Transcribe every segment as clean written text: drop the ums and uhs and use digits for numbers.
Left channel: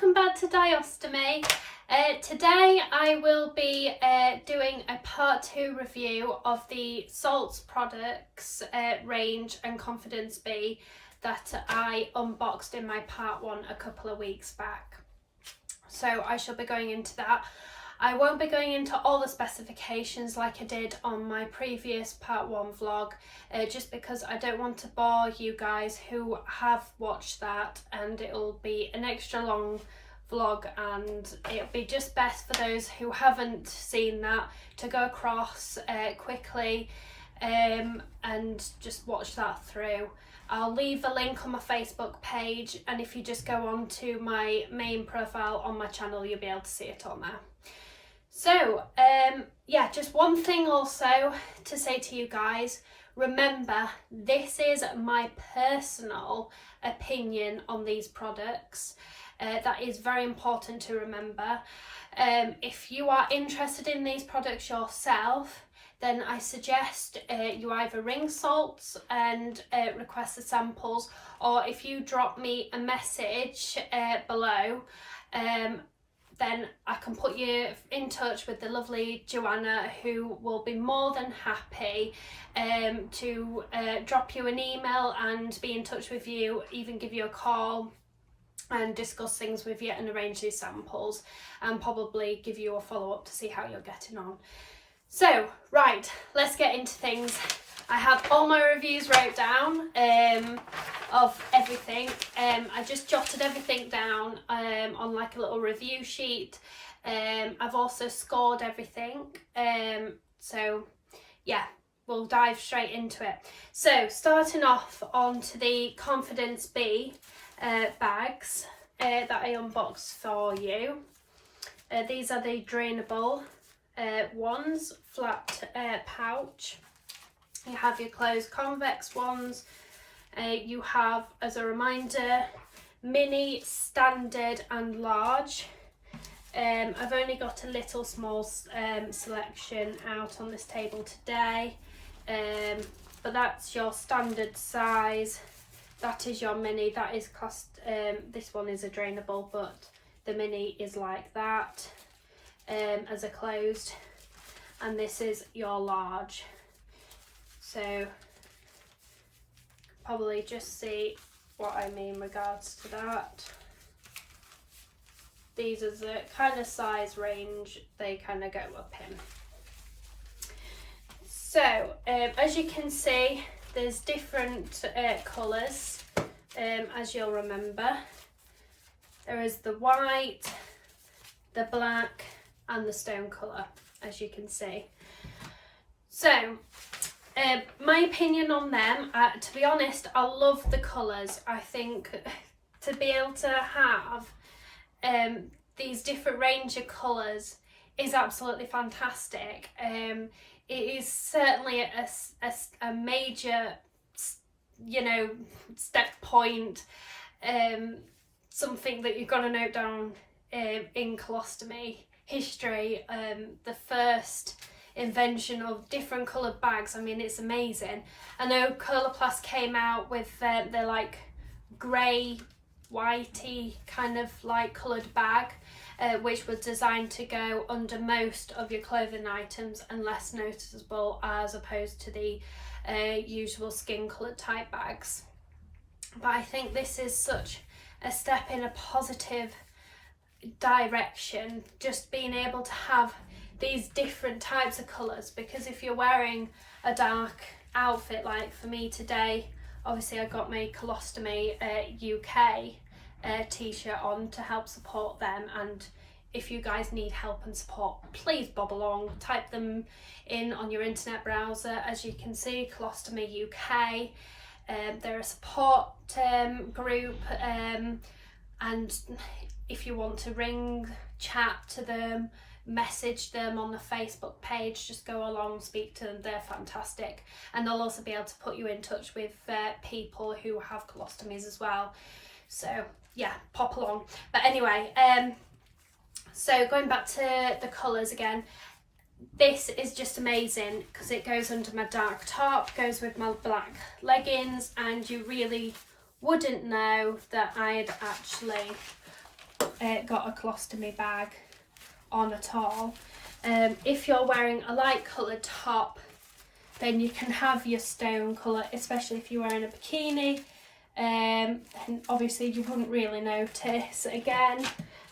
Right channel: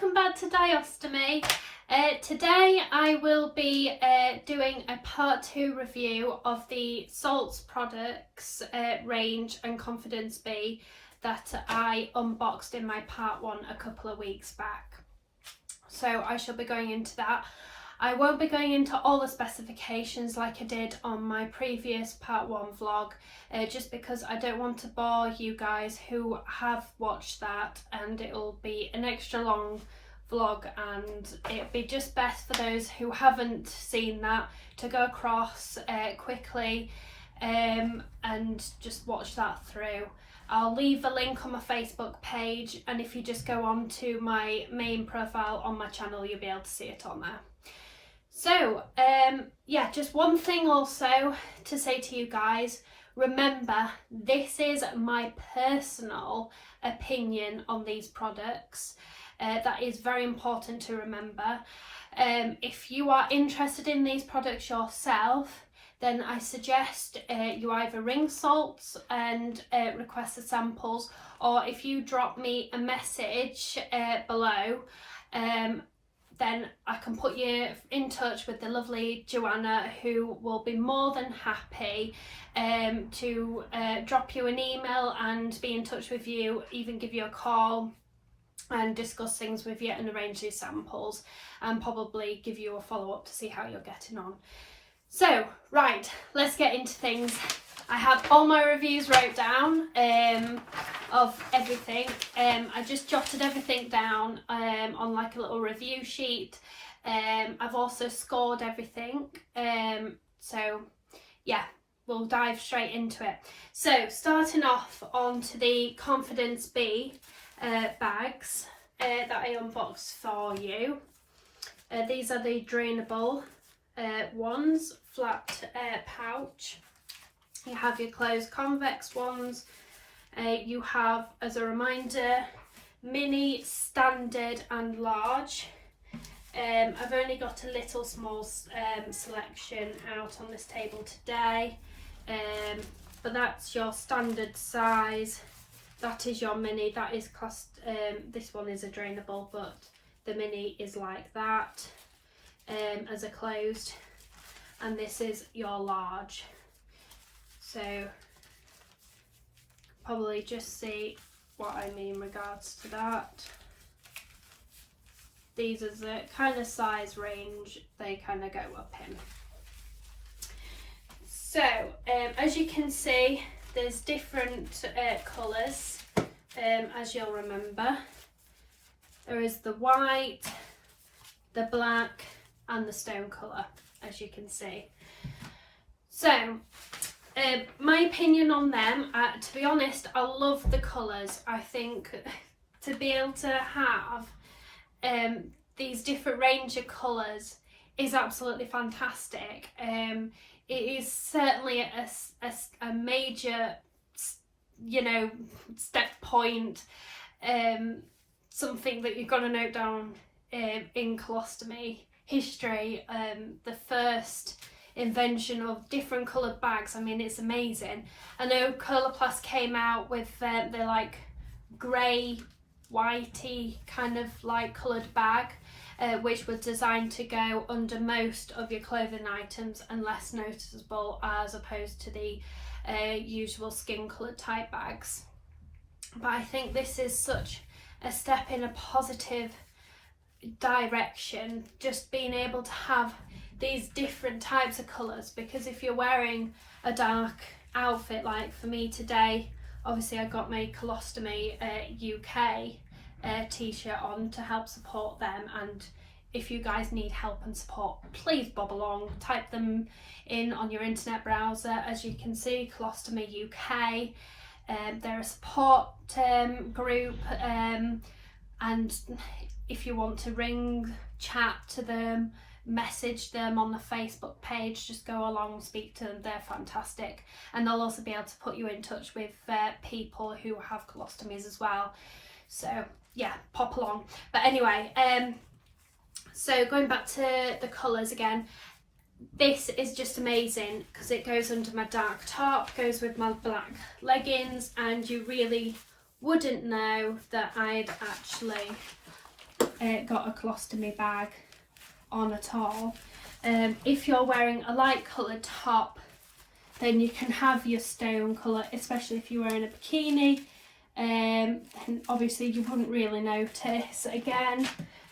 welcome back to Diostomy. Today I will be doing a part 2 review of the Salts products range and Confidence Bee that I unboxed in my part 1 a couple of weeks back. So I shall be going into that. I won't be going into all the specifications like I did on my previous part 1 vlog, just because I don't want to bore you guys who have watched that, and it'll be an extra long vlog, and it'll be just best for those who haven't seen that to go across quickly and just watch that through. I'll leave a link on my Facebook page, and if you just go on to my main profile on my channel, you'll be able to see it on there. So, yeah, just one thing also to say to you guys. Remember, this is my personal opinion on these products. That is very important to remember. If you are interested in these products yourself, then I suggest you either ring Salts and request the samples, or if you drop me a message below, then I can put you in touch with the lovely Joanna, who will be more than happy to drop you an email and be in touch with you, even give you a call and discuss things with you and arrange these samples, and probably give you a follow-up to see how you're getting on. So, right, let's get into things. I have all my reviews wrote down of everything. I just jotted everything down on like a little review sheet. I've also scored everything. So yeah, we'll dive straight into it. So starting off onto the Confidence Bee bags that I unboxed for you. These are the Drainable ones, flat pouch. You have your closed convex ones. You have, as a reminder, mini, standard and large. I've only got a little small selection out on this table today, but that's your standard size. That is your mini. That is cost. This one is a drainable, but the mini is like that as a closed, and this is your large. So probably just see what I mean in regards to that. These are the kind of size range they kind of go up in. So as you can see, there's different colours, as you'll remember. There is the white, the black and the stone colour, as you can see. So my opinion on them, to be honest, I love the colours. I think to be able to have these different range of colours is absolutely fantastic. It is certainly a major, you know, step point, something that you've got to note down in colostomy history. The first invention of different coloured bags. I mean, it's amazing. I know Coloplast came out with their like grey, whitey kind of like coloured bag, which was designed to go under most of your clothing items and less noticeable as opposed to the usual skin coloured type bags. But I think this is such a step in a positive direction, just being able to have these different types of colours, because if you're wearing a dark outfit like for me today, obviously I got my Colostomy UK t-shirt on to help support them, and if you guys need help and support, please bob along, type them in on your internet browser. As you can see, Colostomy UK, they're a support group, and if you want to ring, chat to them, message them on the Facebook page, just go along, speak to them. They're fantastic, and they'll also be able to put you in touch with people who have colostomies as well. So yeah, pop along. But anyway, so going back to the colours again, this is just amazing because it goes under my dark top, goes with my black leggings, and you really wouldn't know that I'd actually got a colostomy bag on at all. If you're wearing a light coloured top, then you can have your stone colour, especially if you're wearing a bikini. And obviously you wouldn't really notice again.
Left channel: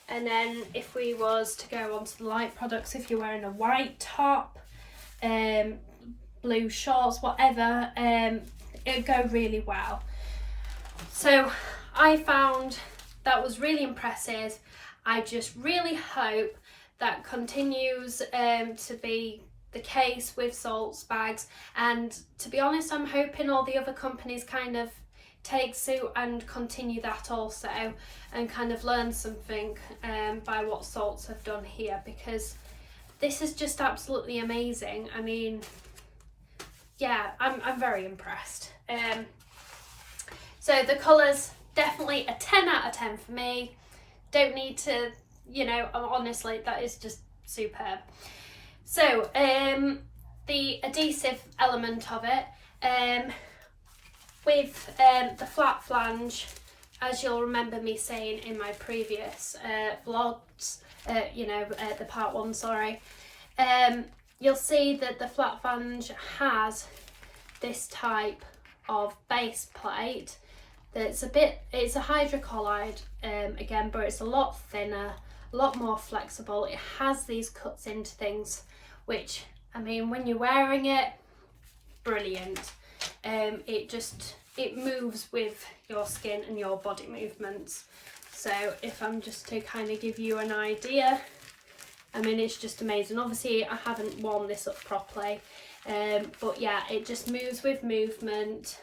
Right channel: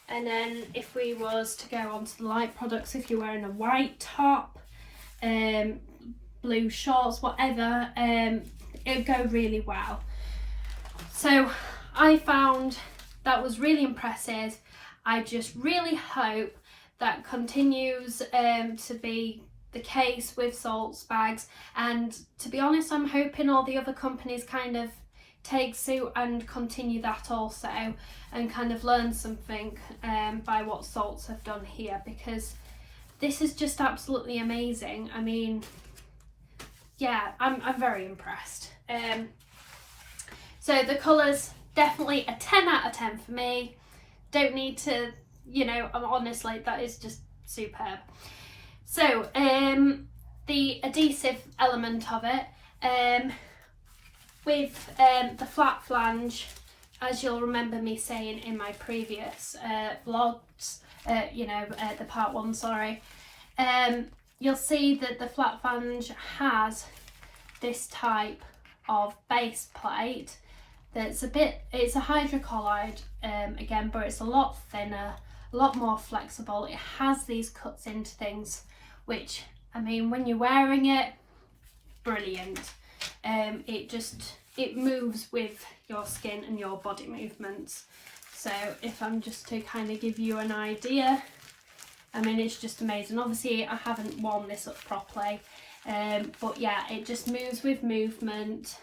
And then if we was to go on to the light products, if you're wearing a white top, blue shorts, whatever, it'd go really well. So I found that was really impressive. I just really hope that continues to be the case with salts bags, and to be honest, I'm hoping all the other companies kind of take suit and continue that also, and kind of learn something by what salts have done here, because this is just absolutely amazing. I mean, yeah, I'm very impressed. So the colours, definitely a 10 out of 10 for me. Don't need to, you know, honestly, that is just superb. So the adhesive element of it, with the flat flange, as you'll remember me saying in my previous vlogs, the part 1, sorry, you'll see that the flat flange has this type of base plate that's it's a hydrocolloid again, but it's a lot thinner, a lot more flexible. It has these cuts into things, which, I mean, when you're wearing it, brilliant. It moves with your skin and your body movements. So if I'm just to kind of give you an idea, I mean, it's just amazing. Obviously I haven't worn this up properly, but yeah, it just moves with movement,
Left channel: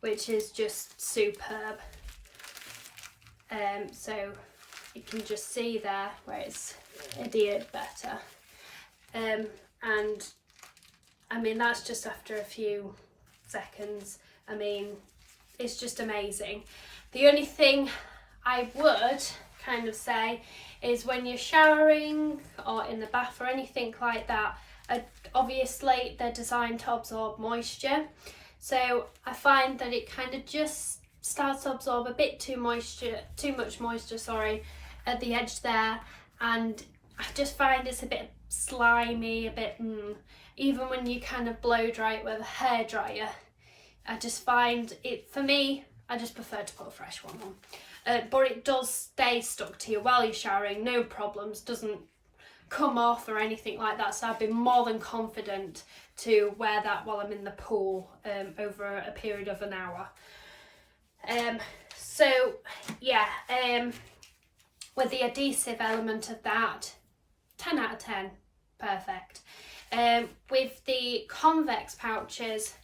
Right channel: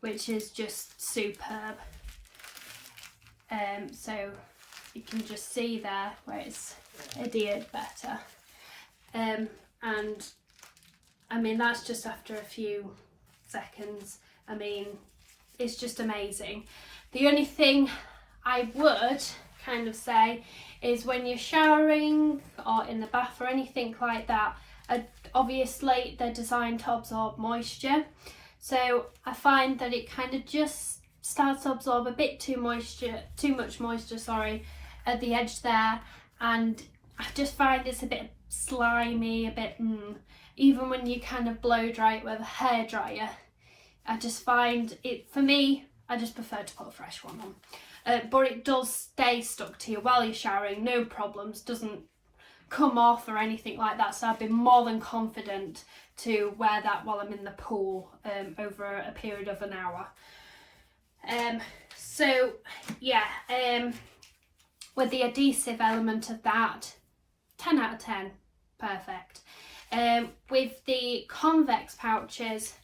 which is just superb. So you can just see there where it's adhered better, and I mean, that's just after a few seconds. I mean, it's just amazing. The only thing I would kind of say is when you're showering or in the bath or anything like that, obviously they're designed to absorb moisture, so I find that it kind of just starts to absorb a bit too much moisture, sorry, at the edge there, and I just find it's a bit slimy, a bit even when you kind of blow dry it with a hairdryer. I just find it, for me, I just prefer to put a fresh one on, but it does stay stuck to you while you're showering, no problems, doesn't come off or anything like that, so I've been more than confident to wear that while I'm in the pool over a period of an hour. So yeah, with the adhesive element of that, 10 out of 10, perfect. With the convex pouches,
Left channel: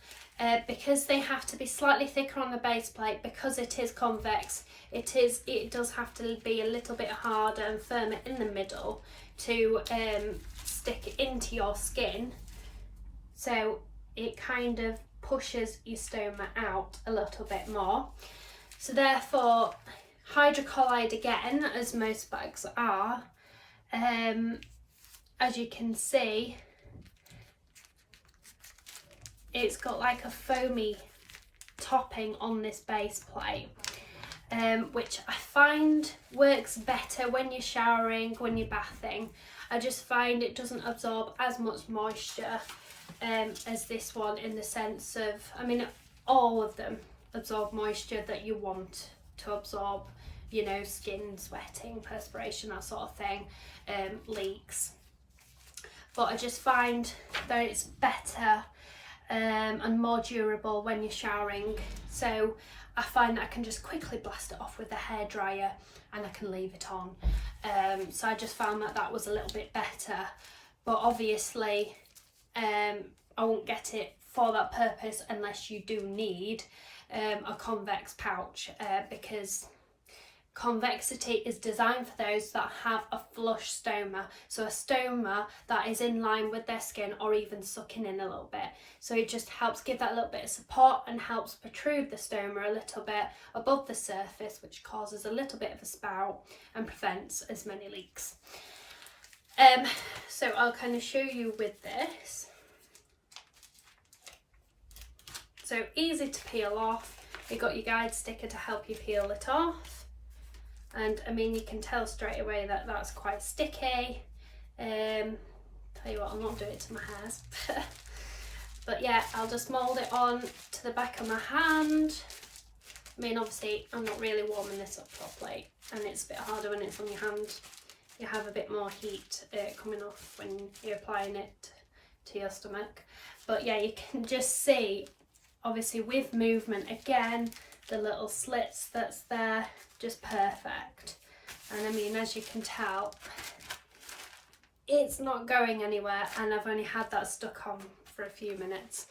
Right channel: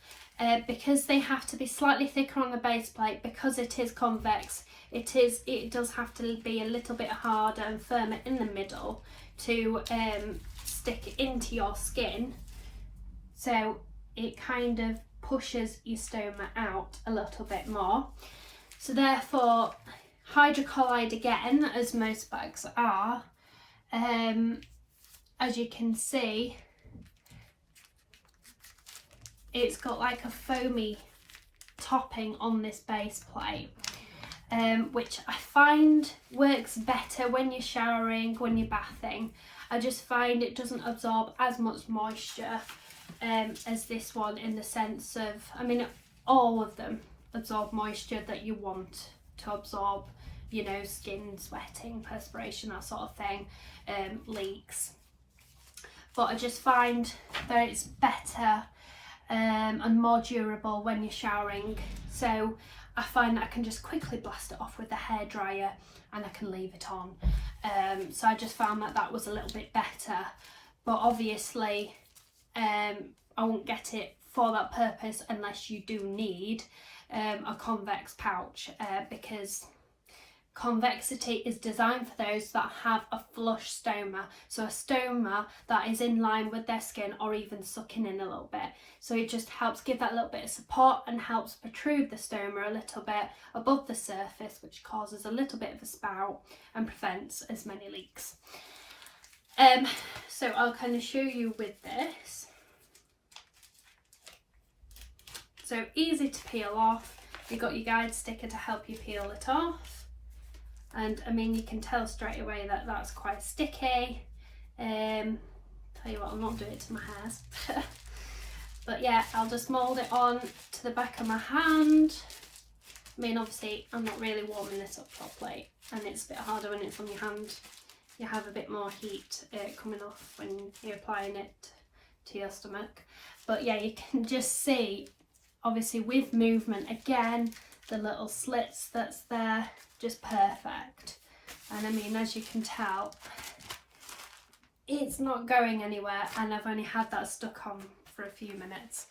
because they have to be slightly thicker on the base plate, because it is convex, it does have to be a little bit harder and firmer in the middle to stick into your skin, so it kind of pushes your stoma out a little bit more. So therefore, hydrocolloid again, as most bags are, as you can see, it's got like a foamy topping on this base plate, which I find works better when you're showering, when you're bathing. I just find it doesn't absorb as much moisture as this one, in the sense of, I mean, all of them absorb moisture that you want to absorb, you know, skin, sweating, perspiration, that sort of thing, leaks. But I just find that it's better and more durable when you're showering, so I find that I can just quickly blast it off with the hairdryer and I can leave it on. So I just found that that was a little bit better, but obviously I won't get it for that purpose unless you do need a convex pouch, because convexity is designed for those that have a flush stoma, so a stoma that is in line with their skin or even sucking in a little bit. So it just helps give that little bit of support and helps protrude the stoma a little bit above the surface, which causes a little bit of a spout and prevents as many leaks. So I'll kind of show you with this. So easy to peel off. You've got your guide sticker to help you peel it off. and I mean you can tell straight away that that's quite sticky. Tell you what, I'll not do it to my hairs. But yeah, I'll just mould it on to the back of my hand. I mean, obviously I'm not really warming this up properly, and it's a bit harder when it's on your hand. You have a bit more heat coming off when you're applying it to your stomach. But yeah, you can just see, obviously with movement, again, the little slits that's there, just perfect. And I mean, as you can tell, it's not going anywhere, and I've only had that stuck on for a few minutes,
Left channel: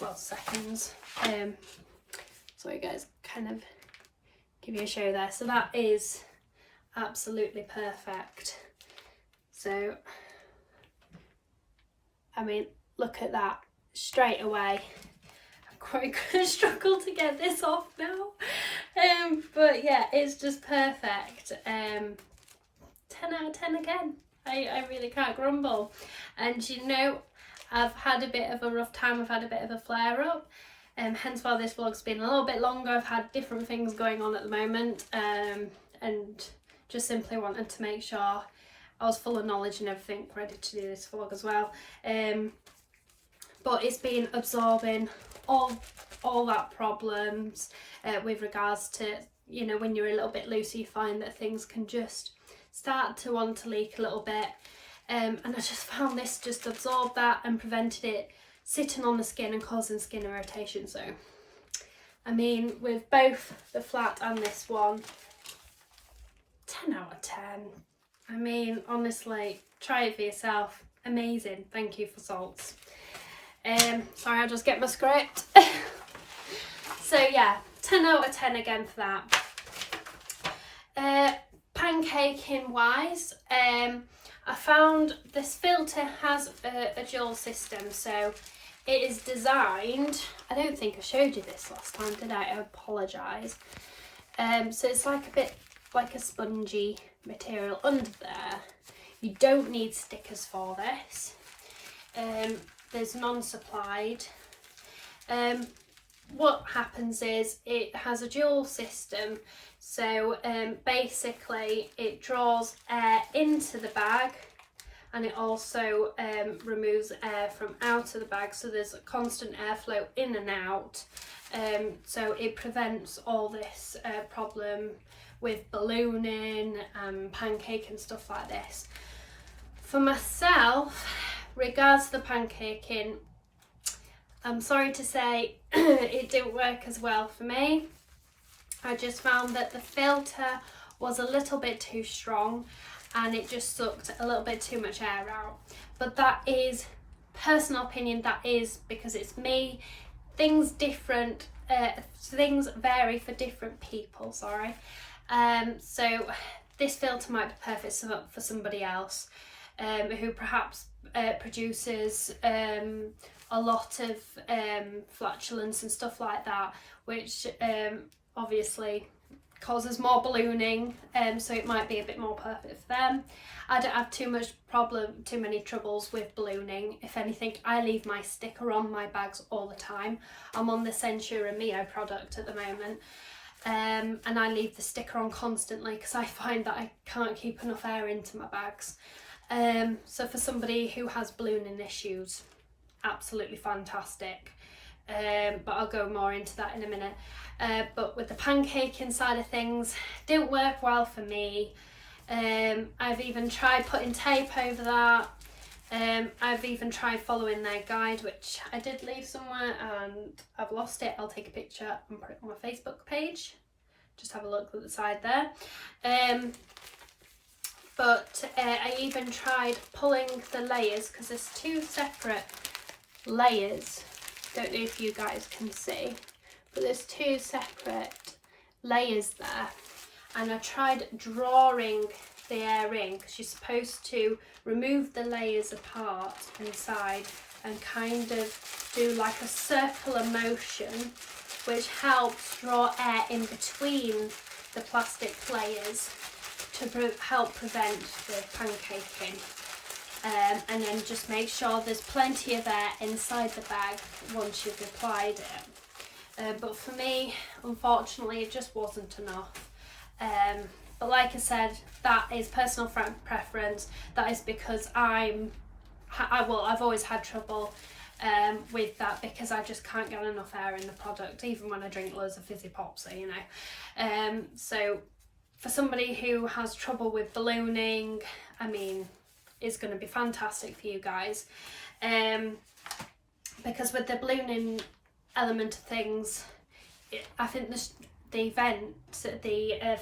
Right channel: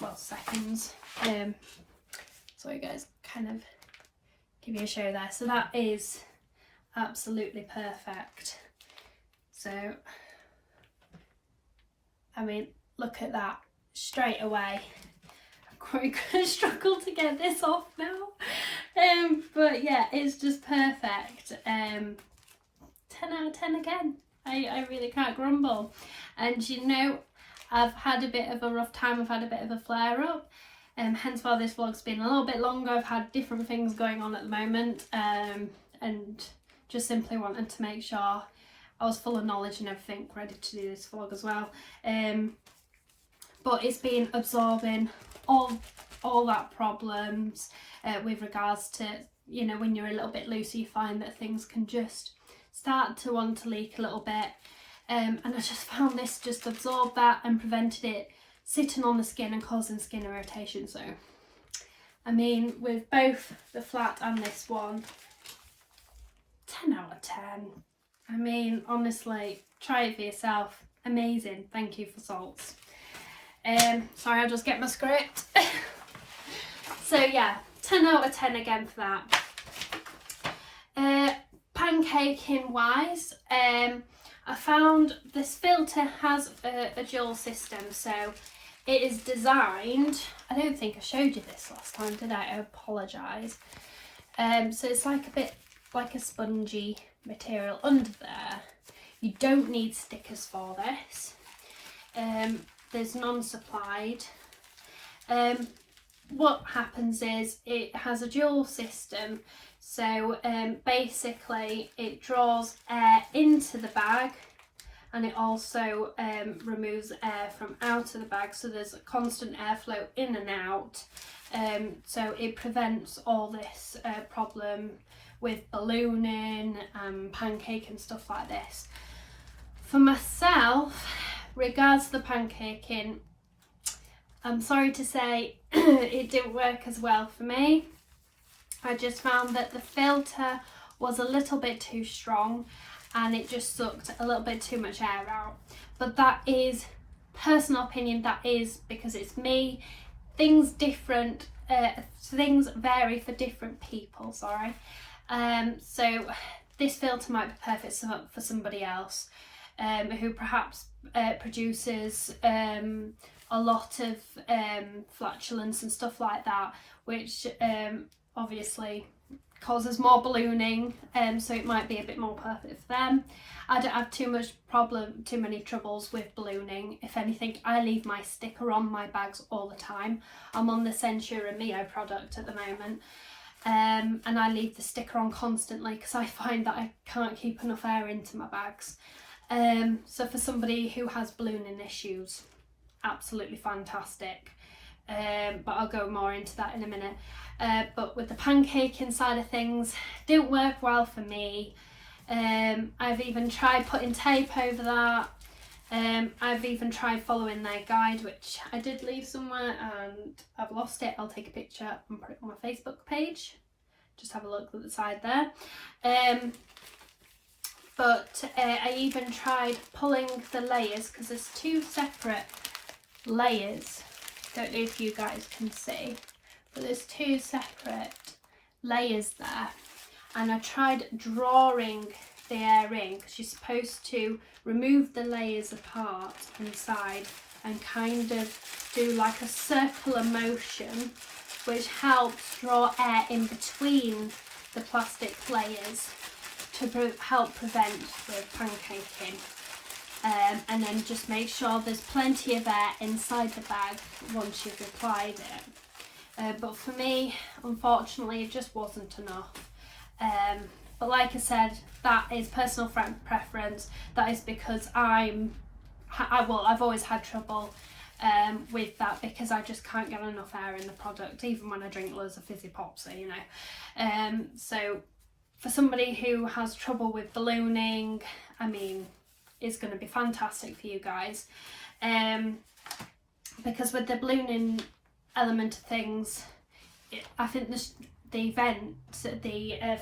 well, seconds. Sorry guys, kind of give you a show there. So that is absolutely perfect. So I mean, look at that straight away. I'm quite gonna struggle to get this off now, but yeah, it's just perfect. 10 out of 10 again. I really can't grumble. And you know, I've had a bit of a rough time, I've had a bit of a flare up, hence why this vlog's been a little bit longer. I've had different things going on at the moment, and just simply wanted to make sure I was full of knowledge and everything, ready to do this vlog as well. But it's been absorbing all that problems with regards to, you know, when you're a little bit looser, you find that things can just start to want to leak a little bit. And I just found this just absorbed that and prevented it sitting on the skin and causing skin irritation. So, I mean, with both the flat and this one, 10 out of 10. I mean, honestly, try it for yourself. Amazing. Thank you for Salts. Sorry, I'll just get my script. So yeah, 10 out of 10 again for that. Pancaking wise, I found this filter has a dual system, so it is designed, I don't think I showed you this last time, did I? I apologise. So it's like a bit like a spongy material under there. You don't need stickers for this. There's none supplied. What happens is it has a dual system, so basically it draws air into the bag, and it also removes air from out of the bag, so there's a constant airflow in and out. So it prevents all this problem with ballooning and pancake and stuff like this. For myself, regards to the pancaking, I'm sorry to say it didn't work as well for me. I just found that the filter was a little bit too strong and it just sucked a little bit too much air out. But that is personal opinion, that is because it's me. Things vary for different people, sorry. So this filter might be perfect for somebody else who perhaps produces a lot of flatulence and stuff like that, which obviously causes more ballooning, so it might be a bit more perfect for them. I don't have too many troubles with ballooning. If anything, I leave my sticker on my bags all the time. I'm on the Censura Mio product at the moment, and I leave the sticker on constantly because I find that I can't keep enough air into my bags. So for somebody who has ballooning issues, absolutely fantastic. But I'll go more into that in a minute. But with the pancaking side of things, didn't work well for me. I've even tried putting tape over that. I've even tried following their guide, which I did leave somewhere and I've lost it. I'll take a picture and put it on my Facebook page. Just have a look at the side there. But I even tried pulling the layers, because there's two separate layers. Don't know if you guys can see, but there's two separate layers there, and I tried drawing the air in, because you're supposed to remove the layers apart inside and kind of do like a circular motion, which helps draw air in between the plastic layers to help prevent the pancaking. And then just make sure there's plenty of air inside the bag once you've applied it. But for me, unfortunately, it just wasn't enough. But like I said, that is personal preference. That is because I've always had trouble with that, because I just can't get enough air in the product, even when I drink loads of fizzy pops, you know. So for somebody who has trouble with ballooning, I mean, it's going to be fantastic for you guys, because with the ballooning element of things, I think the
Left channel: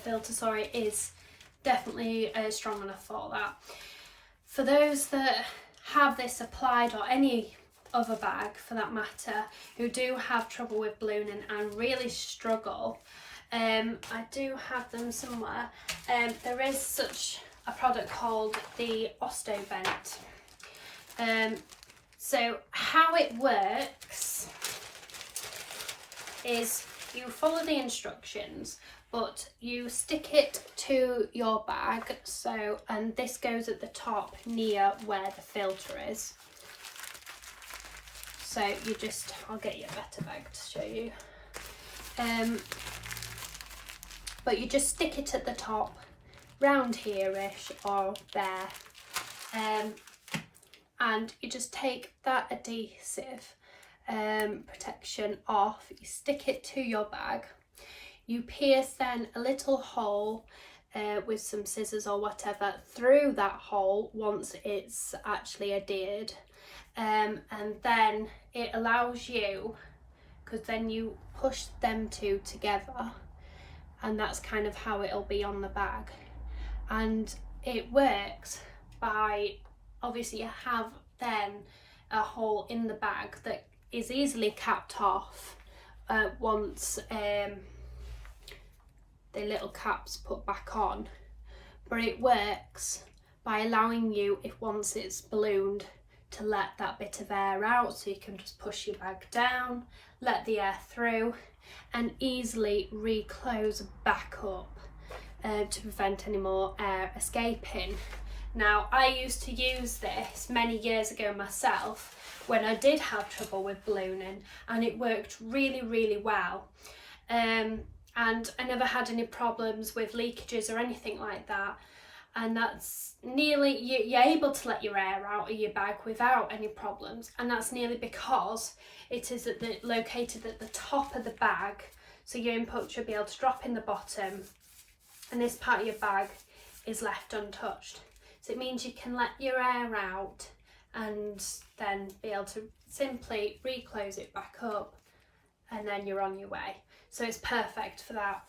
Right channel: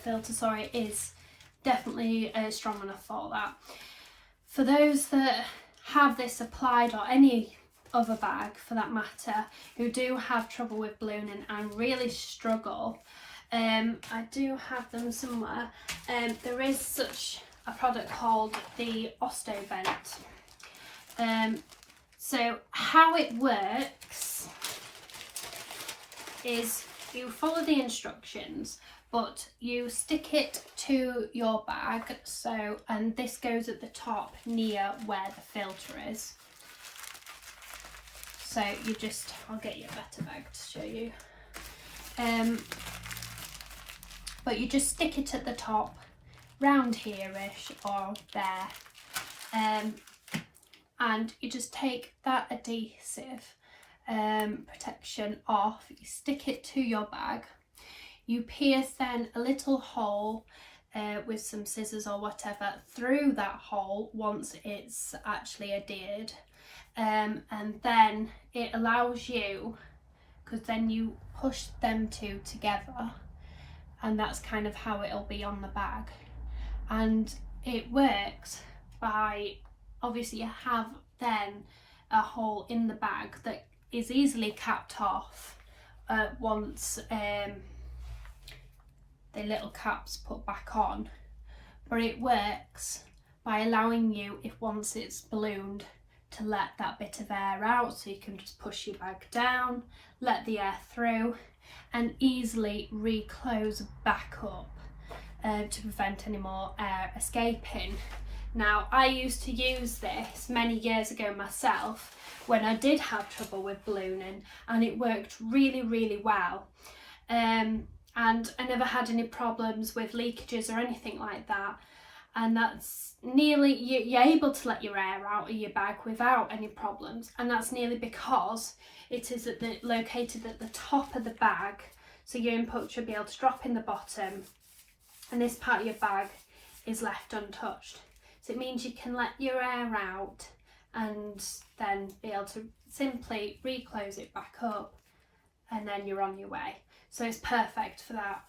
filter, sorry, is definitely strong enough for that. For those that have this applied, or any other bag for that matter, who do have trouble with ballooning and really struggle, I do have them somewhere. There is such a product called the Osmo Vent. So how it works is you follow the instructions, but you stick it to your bag, so, and this goes at the top near where the filter is. So you just, I'll get you a better bag to show you. But you just stick it at the top, round here-ish or there, and you just take that adhesive protection off, you stick it to your bag, you pierce then a little hole with some scissors or whatever through that hole once it's actually adhered, and then it allows you, because then you push them two together, and that's kind of how it'll be on the bag. And it works by, obviously you have then a hole in the bag that is easily capped off once the little cap's put back on, but it works by allowing you, if once it's ballooned, to let that bit of air out, so you can just push your bag down, let the air through, and easily reclose back up to prevent any more air escaping. Now, I used to use this many years ago myself when I did have trouble with ballooning, and it worked really, really well. And I never had any problems with leakages or anything like that. And that's nearly, you're able to let your air out of your bag without any problems. And that's nearly because it is located at the top of the bag. So your input should be able to drop in the bottom, and this part of your bag is left untouched. So it means you can let your air out and then be able to simply reclose it back up, and then you're on your way. So it's perfect for that.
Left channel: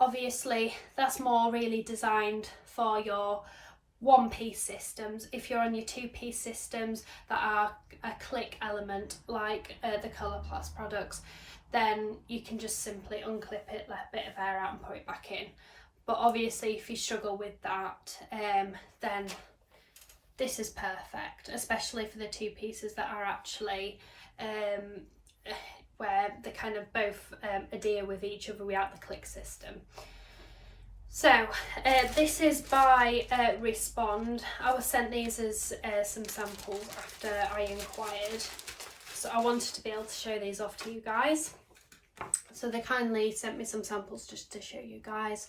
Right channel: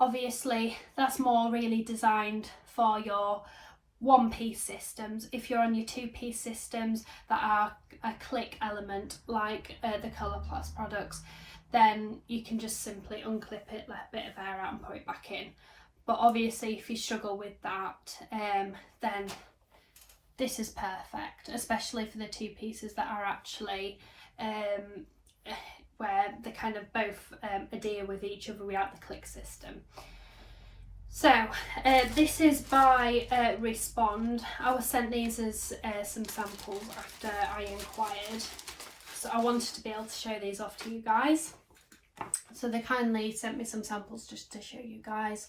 Obviously that's more really designed for your one-piece systems. If you're on your two-piece systems that are a click element like the Colourplast products, then you can just simply unclip it, let a bit of air out and put it back in. But obviously if you struggle with that, then this is perfect, especially for the two pieces that are actually where they kind of both adhere with each other without the click system. So this is by Respond. I was sent these as some samples after I inquired, so I wanted to be able to show these off to you guys. So they kindly sent me some samples just to show you guys.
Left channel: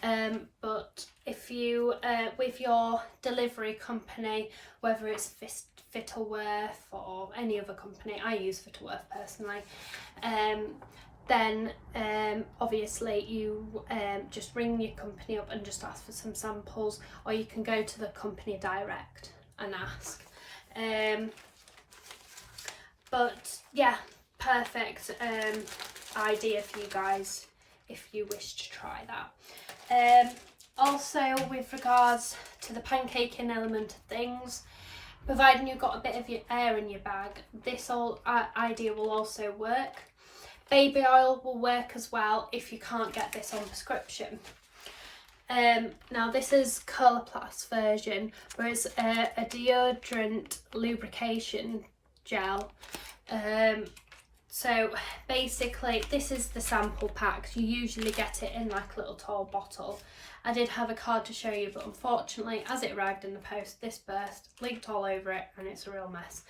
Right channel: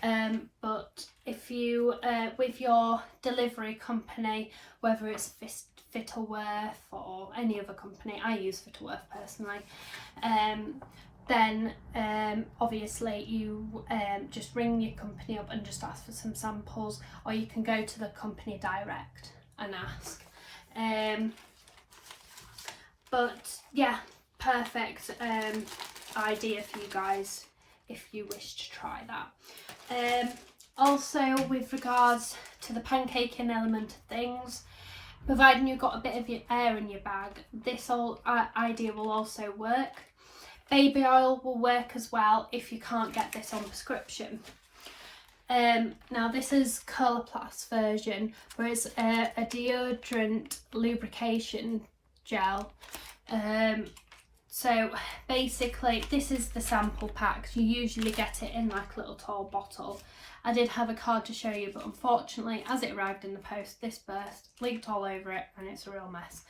But if you, with your delivery company, whether it's Fittleworth or any other company, I use Fittleworth personally, then obviously you just ring your company up and just ask for some samples, or you can go to the company direct and ask. But yeah, perfect idea for you guys if you wish to try that. Also, with regards to the pancaking element of things, providing you've got a bit of your air in your bag, this idea will also work. Baby oil will work as well if you can't get this on prescription. Now this is Colourplast version, where it's a deodorant lubrication gel. So basically this is the sample pack. You usually get it in like a little tall bottle. I did have a card to show you, but unfortunately as it arrived in the post, this burst, leaked all over it, and it's a real mess.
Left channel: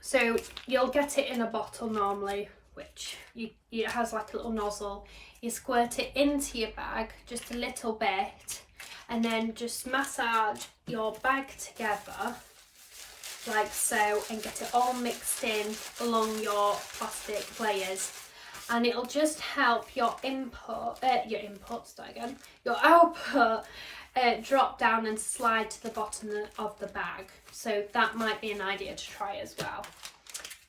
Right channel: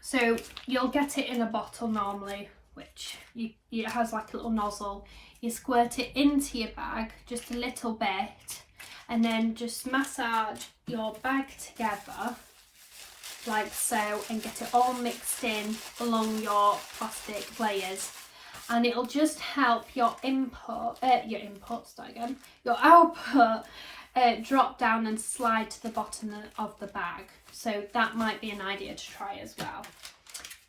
So you'll get it in a bottle normally which it has like a little nozzle. You squirt it into your bag just a little bit, and then just massage your bag together like so, and get it all mixed in along your plastic layers, and it'll just help your output drop down and slide to the bottom of the bag. So that might be an idea to try as well.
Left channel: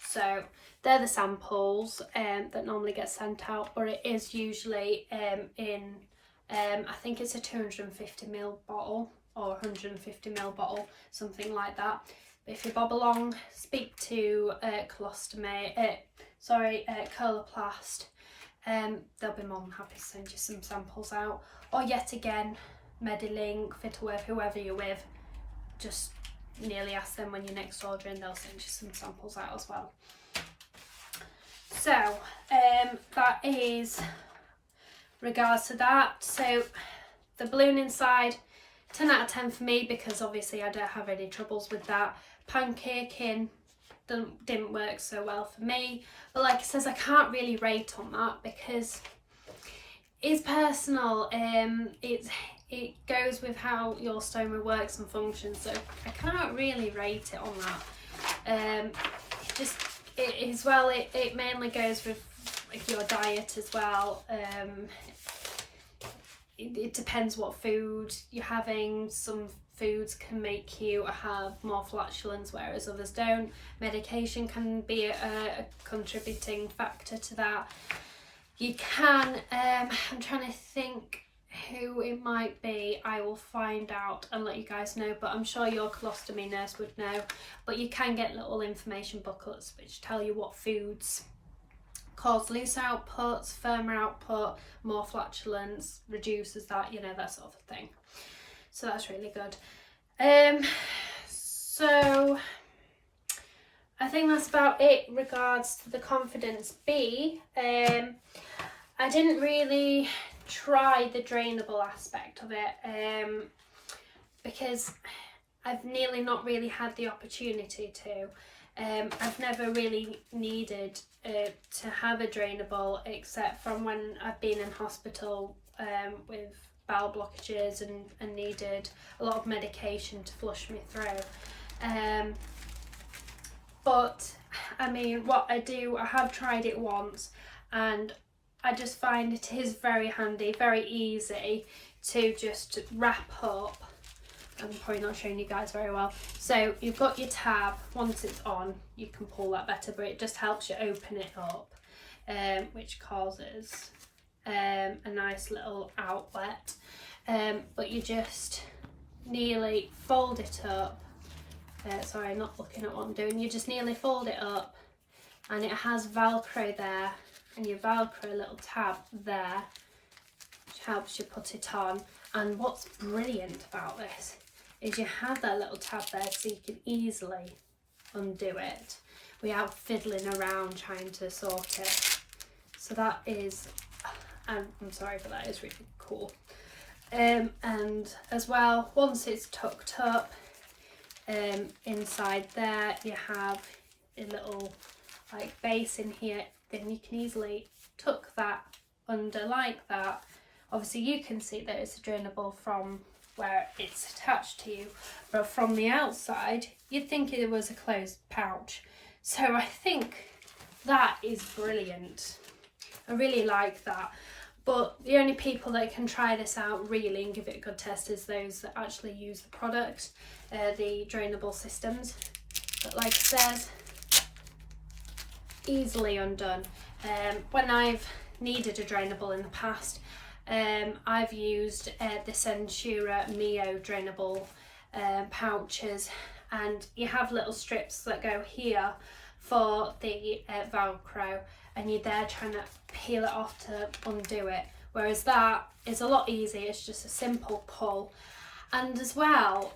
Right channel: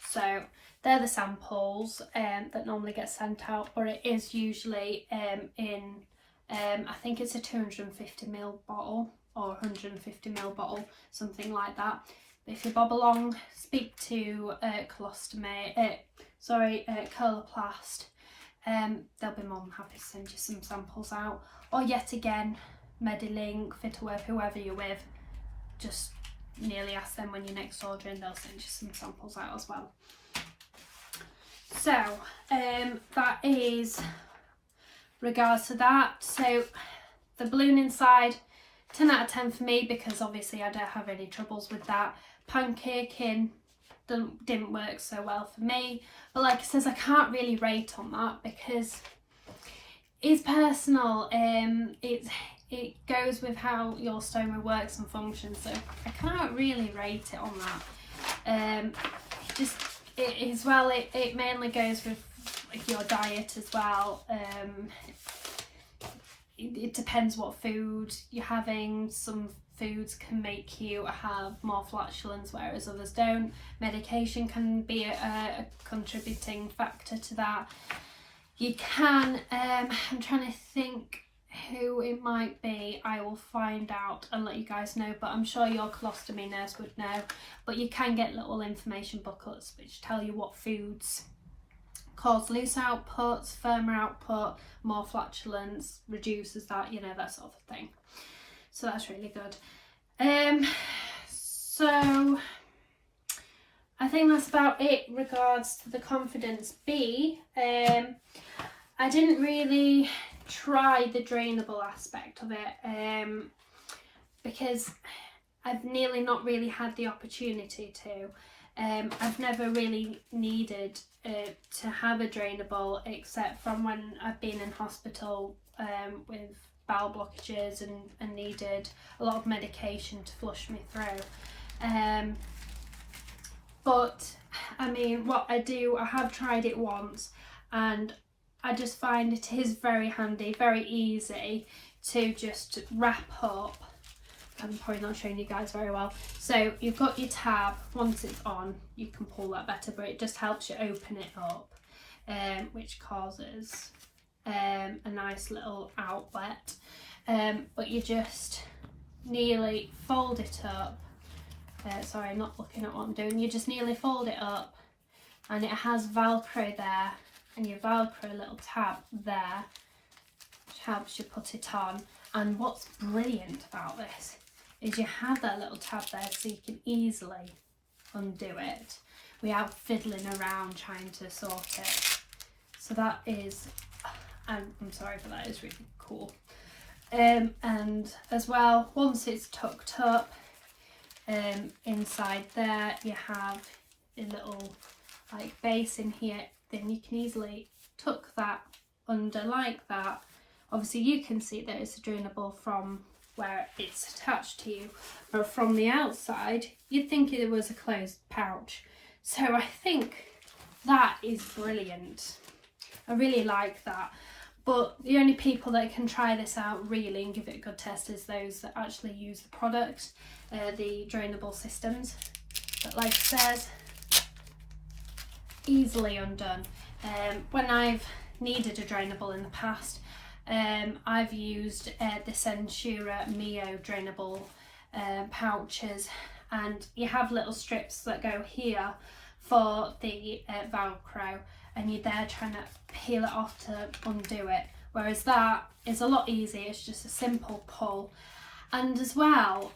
So they're the samples that normally get sent out, or it is usually in I think it's a 250ml bottle or 150ml bottle, something like that. But if you bob along, speak to Coloplast, they'll be more than happy to send you some samples out. Or yet again, Medilink, Fitaweb, whoever you're with, just nearly ask them when you're next ordering, they'll send you some samples out as well. So that is regards to that. So the balloon inside, 10 out of 10 for me, because obviously I don't have any troubles with that. Pancaking didn't work so well for me, but like it says, I can't really rate on that because it's personal. It goes with how your stoma works and functions, so I can't really rate it on that. It mainly goes with your diet as well. It depends what food you're having. Some foods can make you have more flatulence, whereas others don't. Medication can be a contributing factor to that. You can, I'm trying to think who it might be. I will find out and let you guys know, but I'm sure your colostomy nurse would know. But you can get little information booklets which tell you what foods cause loose outputs, firmer output, more flatulence, reduces that, you know, that sort of thing. So that's really good. So I think that's about it regards to the Confidence B. I didn't really try the drainable aspect of it because I've nearly not really had the opportunity to. I've never really needed to have a drainable except from when I've been in hospital with bowel blockages and needed a lot of medication to flush me through. But I mean, what I do, I have tried it once and I just find it is very handy, very easy to just wrap up. I'm probably not showing you guys very well. So you've got your tab, once it's on, you can pull that better, but it just helps you open it up, which causes a nice little outlet. But you just nearly fold it up. Sorry, I'm not looking at what I'm doing. You just nearly fold it up and it has Velcro there, and you Velcro a little tab there, which helps you put it on. And what's brilliant about this is you have that little tab there so you can easily undo it without fiddling around trying to sort it. So that is, I'm sorry, but that is really cool. And as well, once it's tucked up, inside there you have a little like base in here, then you can easily tuck that under like that. Obviously you can see that it's a drainable from where it's attached to you, but from the outside you'd think it was a closed pouch. So I think that is brilliant. I really like that. But the only people that can try this out really and give it a good test is those that actually use the product, the drainable systems. But like it says, easily undone. When I've needed a drainable in the past, I've used the Centura Mio drainable pouches, and you have little strips that go here for the Velcro, and you're there trying to peel it off to undo it, whereas that is a lot easier. It's just a simple pull. And as well,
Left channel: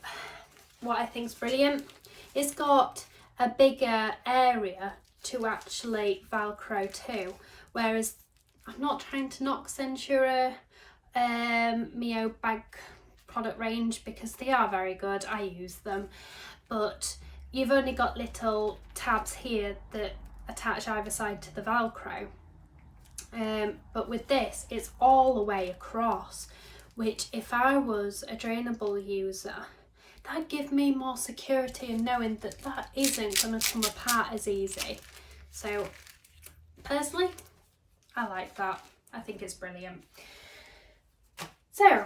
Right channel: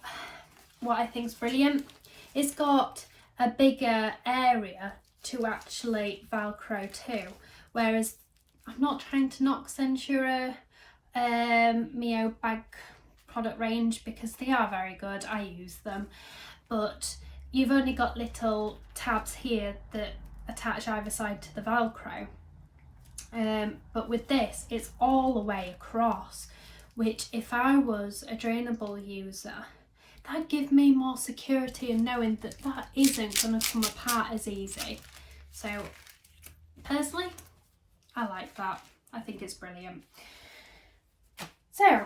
what I think is brilliant, it's got a bigger area to actually Velcro to, whereas I'm not trying to knock Centura Mio bag product range because they are very good, I use them, but you've only got little tabs here that attach either side to the Velcro. But with this, it's all the way across, which if I was a Drainable user, that'd give me more security in knowing that that isn't going to come apart as easy. So personally, I like that. I think it's brilliant. So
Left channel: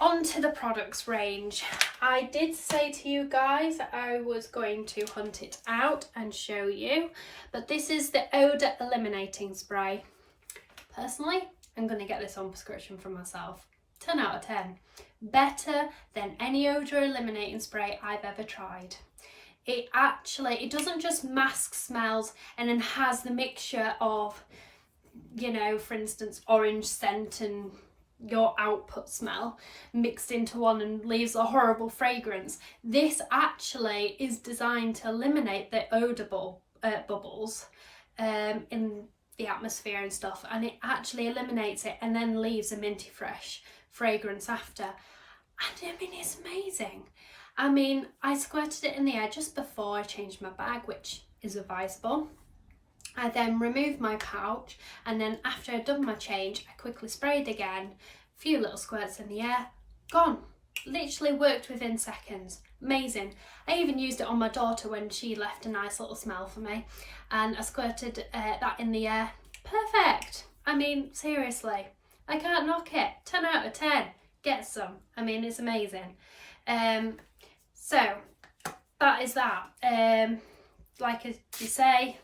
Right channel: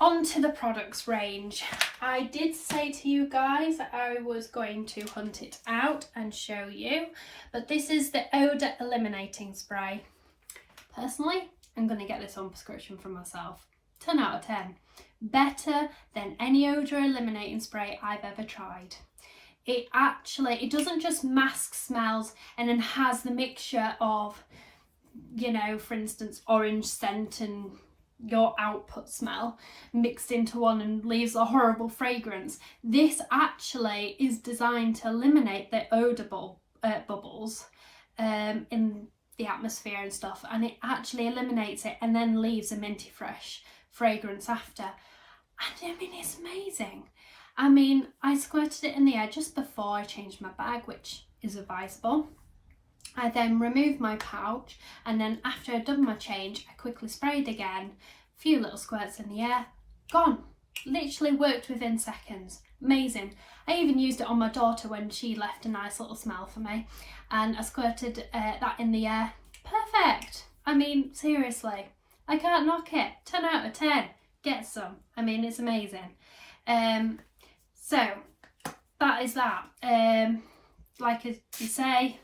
on to the products range. I did say to you guys I was going to hunt it out and show you, but this is the Eau De Eliminating Spray. Personally, I'm going to get this on prescription for myself. 10 out of 10. Better than any odour eliminating spray I've ever tried. It doesn't just mask smells and then has the mixture of, you know, for instance, orange scent and your output smell mixed into one and leaves a horrible fragrance. This actually is designed to eliminate the odour bubbles in the atmosphere and stuff, and it actually eliminates it and then leaves a minty fresh fragrance after. And I mean, it's amazing. I mean, I squirted it in the air just before I changed my bag, which is advisable. I then removed my pouch, and then after I'd done my change, I quickly sprayed again, a few little squirts in the air, gone. Literally worked within seconds. Amazing. I even used it on my daughter when she left a nice little smell for me, and I squirted that in the air. Perfect. I mean, seriously, I can't knock it. 10 out of 10. Get some. I mean, it's amazing. So that is that. Like you say,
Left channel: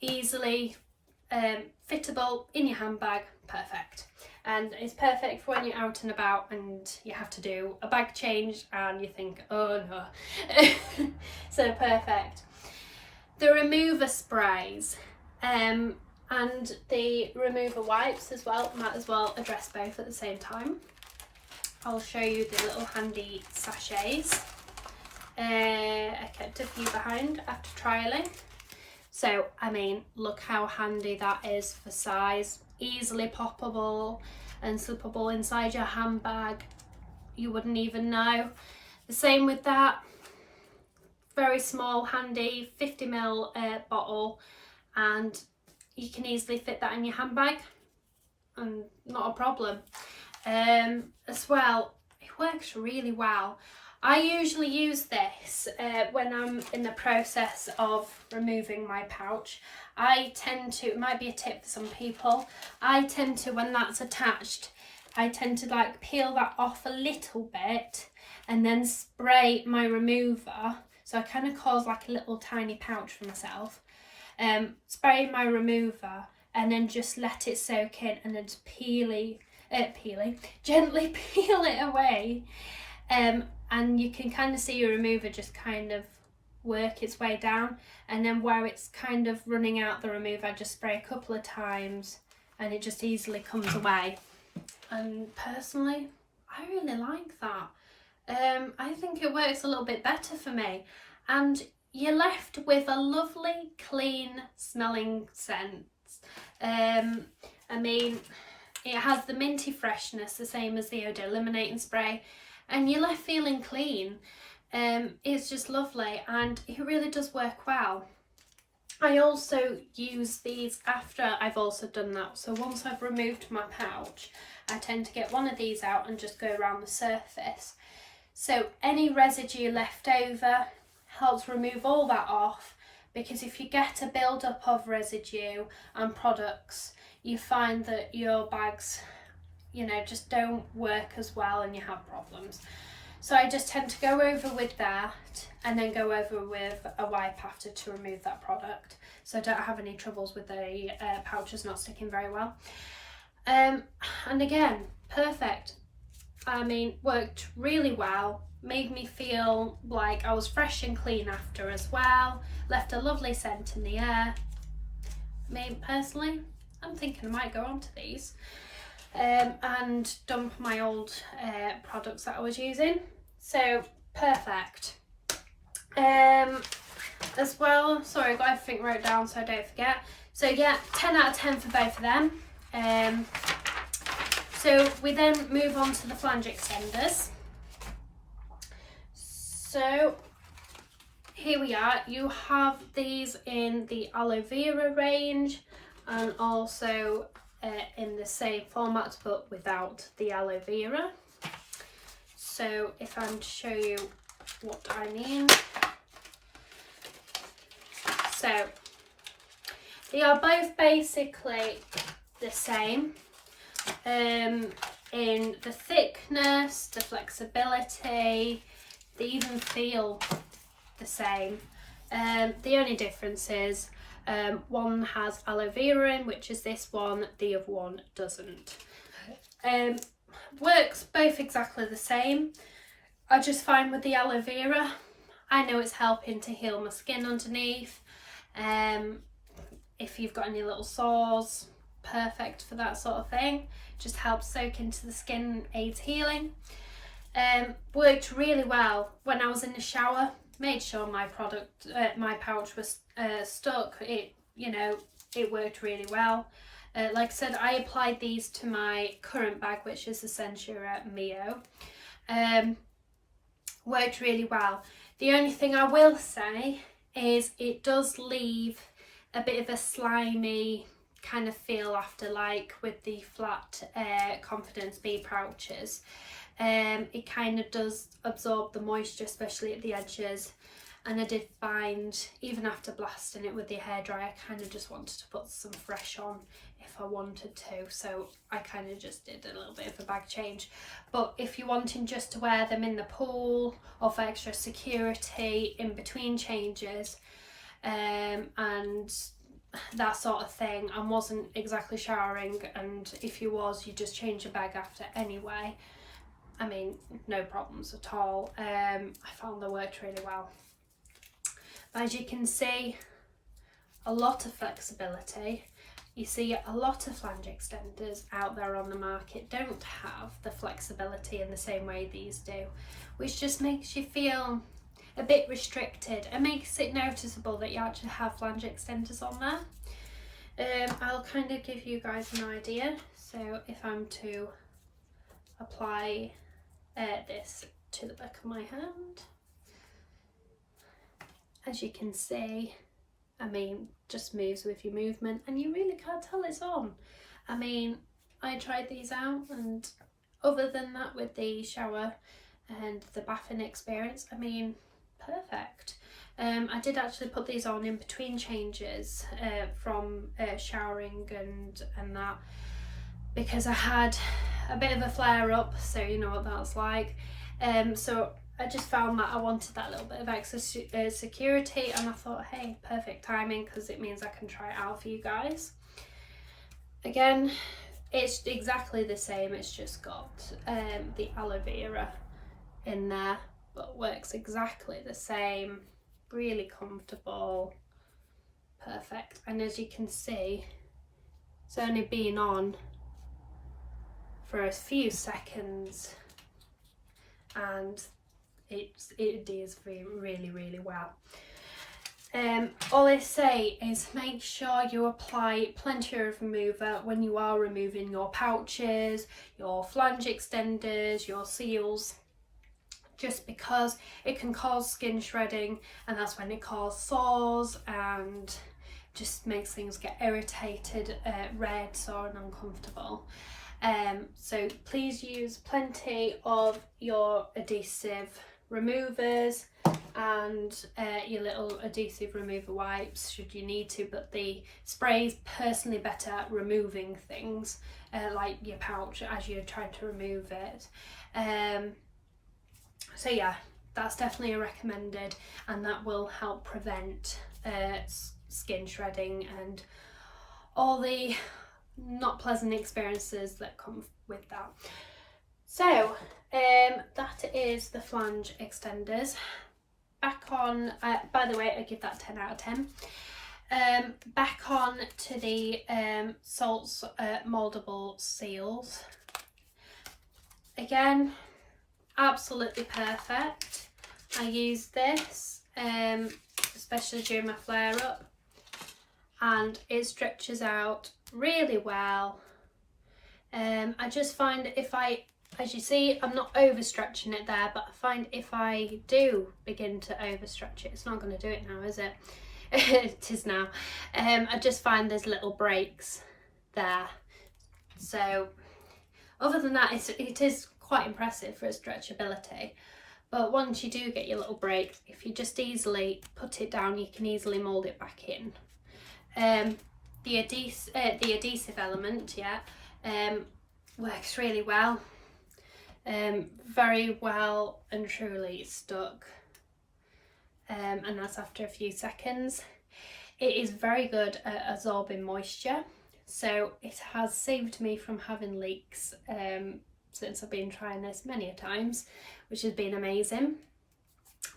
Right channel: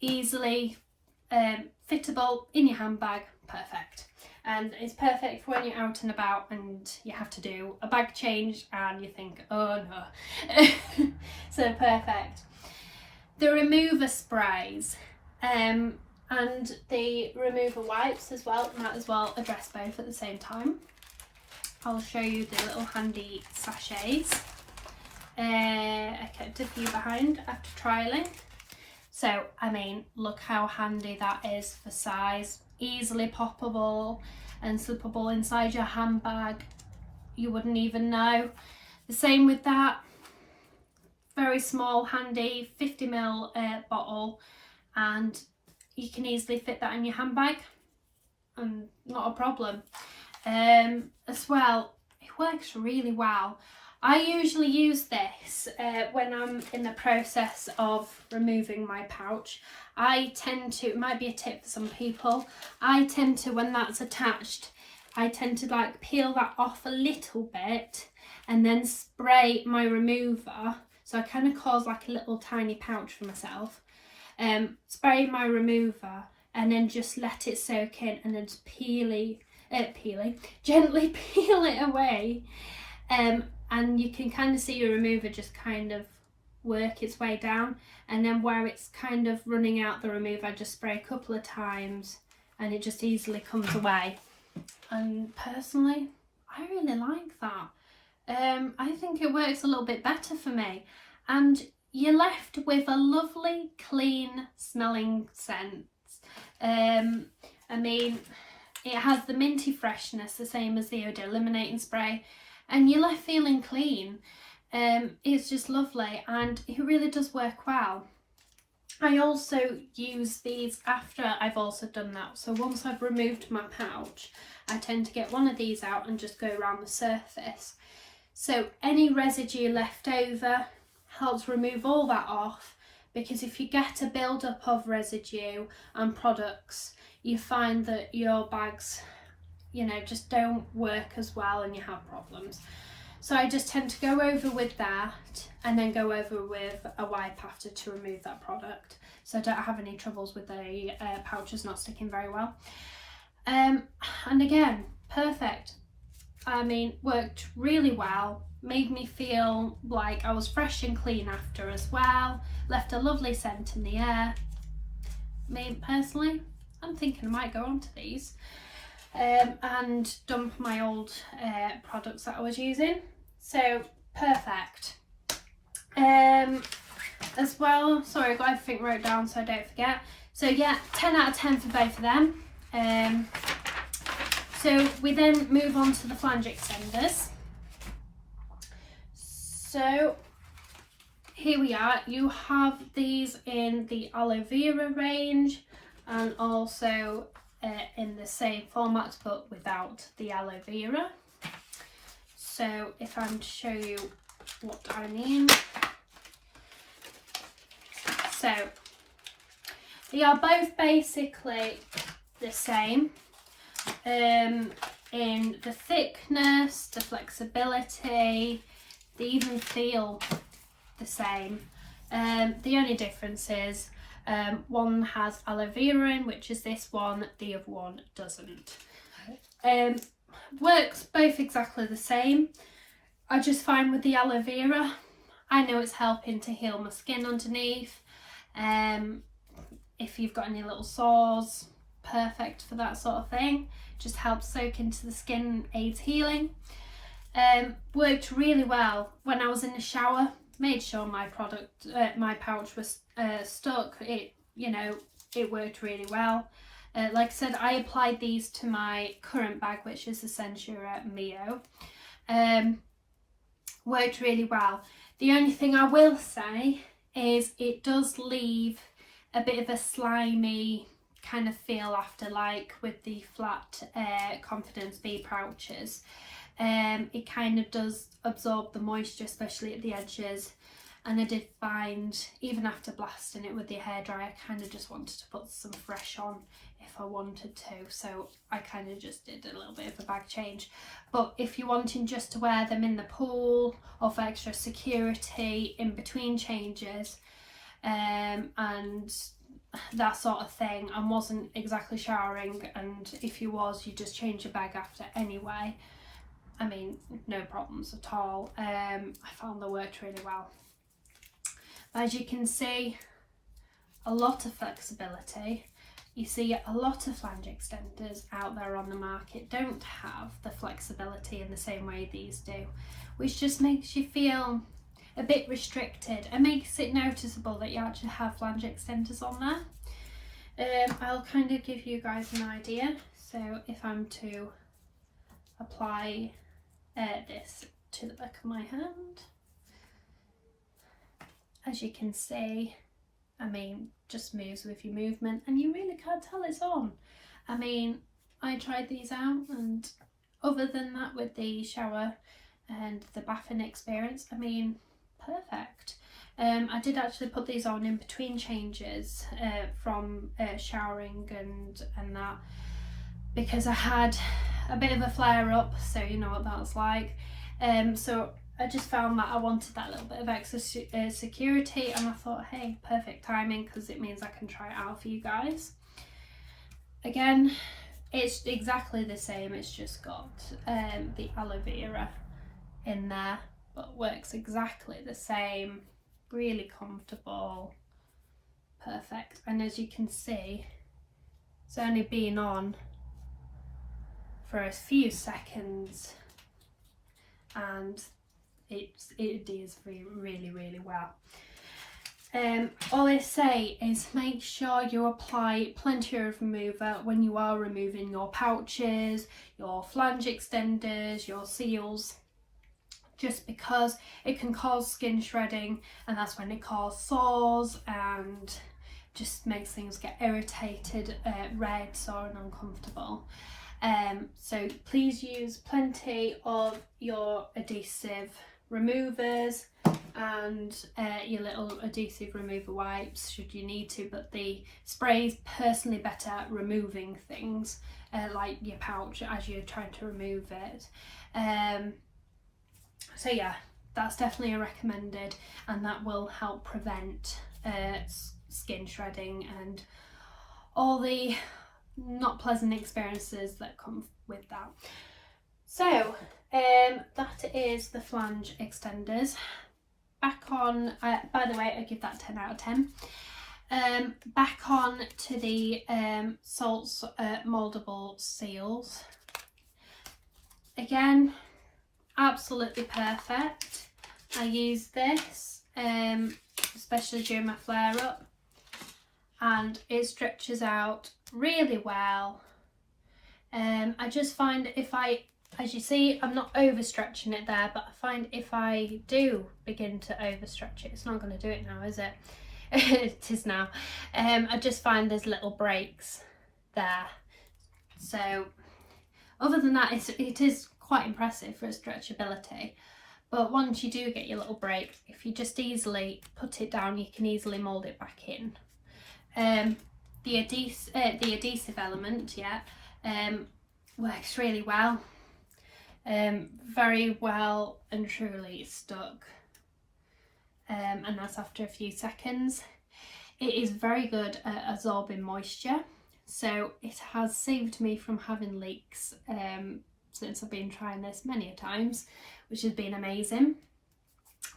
easily fittable in your handbag. Perfect. And it's perfect for when you're out and about and you have to do a bag change and you think, oh no. So perfect. The remover sprays and the remover wipes as well, might as well address both at the same time. I'll show you the little handy sachets. I kept a few behind after trialling. So, I mean, look how handy that is for size. Easily poppable and slippable inside your handbag. You wouldn't even know. The same with that. Very small, handy 50ml bottle, and you can easily fit that in your handbag and not a problem. As well, it works really well. I usually use this when I'm in the process of removing my pouch. I tend to, it might be a tip for some people, I tend to, when that's attached, I tend to like peel that off a little bit and then spray my remover. So I kind of cause like a little tiny pouch for myself. Spray my remover and then just let it soak in and then just gently peel it away. And you can kind of see your remover just kind of work its way down, and then where it's kind of running out the remover, I just spray a couple of times and it just easily comes away. And personally, I really like that. I think it works a little bit better for me, and you're left with a lovely clean smelling scent. I mean, it has the minty freshness, the same as the Eau De Eliminating Spray, and you're left feeling clean. It's just lovely and it really does work well. I also use these after I've also done that. So once I've removed my pouch, I tend to get one of these out and just go around the surface. So any residue left over helps remove all that off, because if you get a build-up of residue and products, you find that your bags, you know, just don't work as well and you have problems. So I just tend to go over with that and then go over with a wipe after to remove that product, so I don't have any troubles with the pouches not sticking very well. And again, perfect. I mean, worked really well, made me feel like I was fresh and clean after as well, left a lovely scent in the air. Me personally, I'm thinking I might go on to these and dump my old products that I was using. So perfect. As well, sorry, I got everything wrote down so I don't forget. So yeah, 10 out of 10 for both of them. So we then move on to the Flange Extenders. So here we are. You have these in the aloe vera range and also in the same format but without the aloe vera. So if I'm to show you what I mean. So they are both basically the same in the thickness, the flexibility. They even feel the same. The only difference is one has aloe vera in, which is this one, the other one doesn't. Works both exactly the same. I just find with the aloe vera, I know it's helping to heal my skin underneath. If you've got any little sores, perfect for that sort of thing. Just helps soak into the skin, aids healing. Worked really well when I was in the shower. Made sure my pouch was stuck. It worked really well. Like I said, I applied these to my current bag, which is the Censura Mio. Worked really well. The only thing I will say is it does leave a bit of a slimy kind of feel after, like with the flat Confidence Bee pouches. It kind of does absorb the moisture, especially at the edges, and I did find even after blasting it with the hairdryer, I kind of just wanted to put some fresh on if I wanted to, so I kind of just did a little bit of a bag change. But if you're wanting just to wear them in the pool or for extra security in between changes and that sort of thing, and wasn't exactly showering, and if you was, you just change your bag after anyway, I mean, no problems at all. I found they worked really well. As you can see, a lot of flexibility. You see a lot of flange extenders out there on the market don't have the flexibility in the same way these do, which just makes you feel a bit restricted and makes it noticeable that you actually have flange extenders on there. I'll kind of give you guys an idea. So if I'm to apply this to the back of my hand, as you can see, I mean, just moves with your movement and you really can't tell it's on. I mean, I tried these out, and other than that, with the shower and the bathing experience, I mean, perfect. I did actually put these on in between changes from showering and that, because I had a bit of a flare up, so you know what that's like. So I just found that I wanted that little bit of extra security, and I thought, hey, perfect timing, because it means I can try it out for you guys. Again, it's exactly the same, it's just got the aloe vera in there, but works exactly the same, really comfortable, perfect. And as you can see, it's only been on for a few seconds and it adheres really well. All I say is make sure you apply plenty of remover when you are removing your pouches, your flange extenders, your seals, just because it can cause skin shredding, and that's when it causes sores and just makes things get irritated, red, sore and uncomfortable. So please use plenty of your adhesive removers and your little adhesive remover wipes should you need to, but the spray is personally better at removing things like your pouch as you're trying to remove it. So yeah, that's definitely a recommended, and that will help prevent skin shredding and all the not pleasant experiences that come with that. So that is the flange extenders. Back on, by the way, I give that 10 out of 10. Back on to the Salts Moldable Seals. Again, absolutely perfect. I use this especially during my flare up, and it stretches out really well. I just find if I As you see, I'm not overstretching it there, but I find if I do begin to overstretch it, it's not going to do it now, is it? It is now. I just find there's little breaks there. So other than that, it is quite impressive for its stretchability. But once you do get your little breaks, if you just easily put it down, you can easily mould it back in. The adhesive element, works really well. Very well and truly stuck, and that's after a few seconds. It is very good at absorbing moisture, so it has saved me from having leaks since I've been trying this many a times, which has been amazing.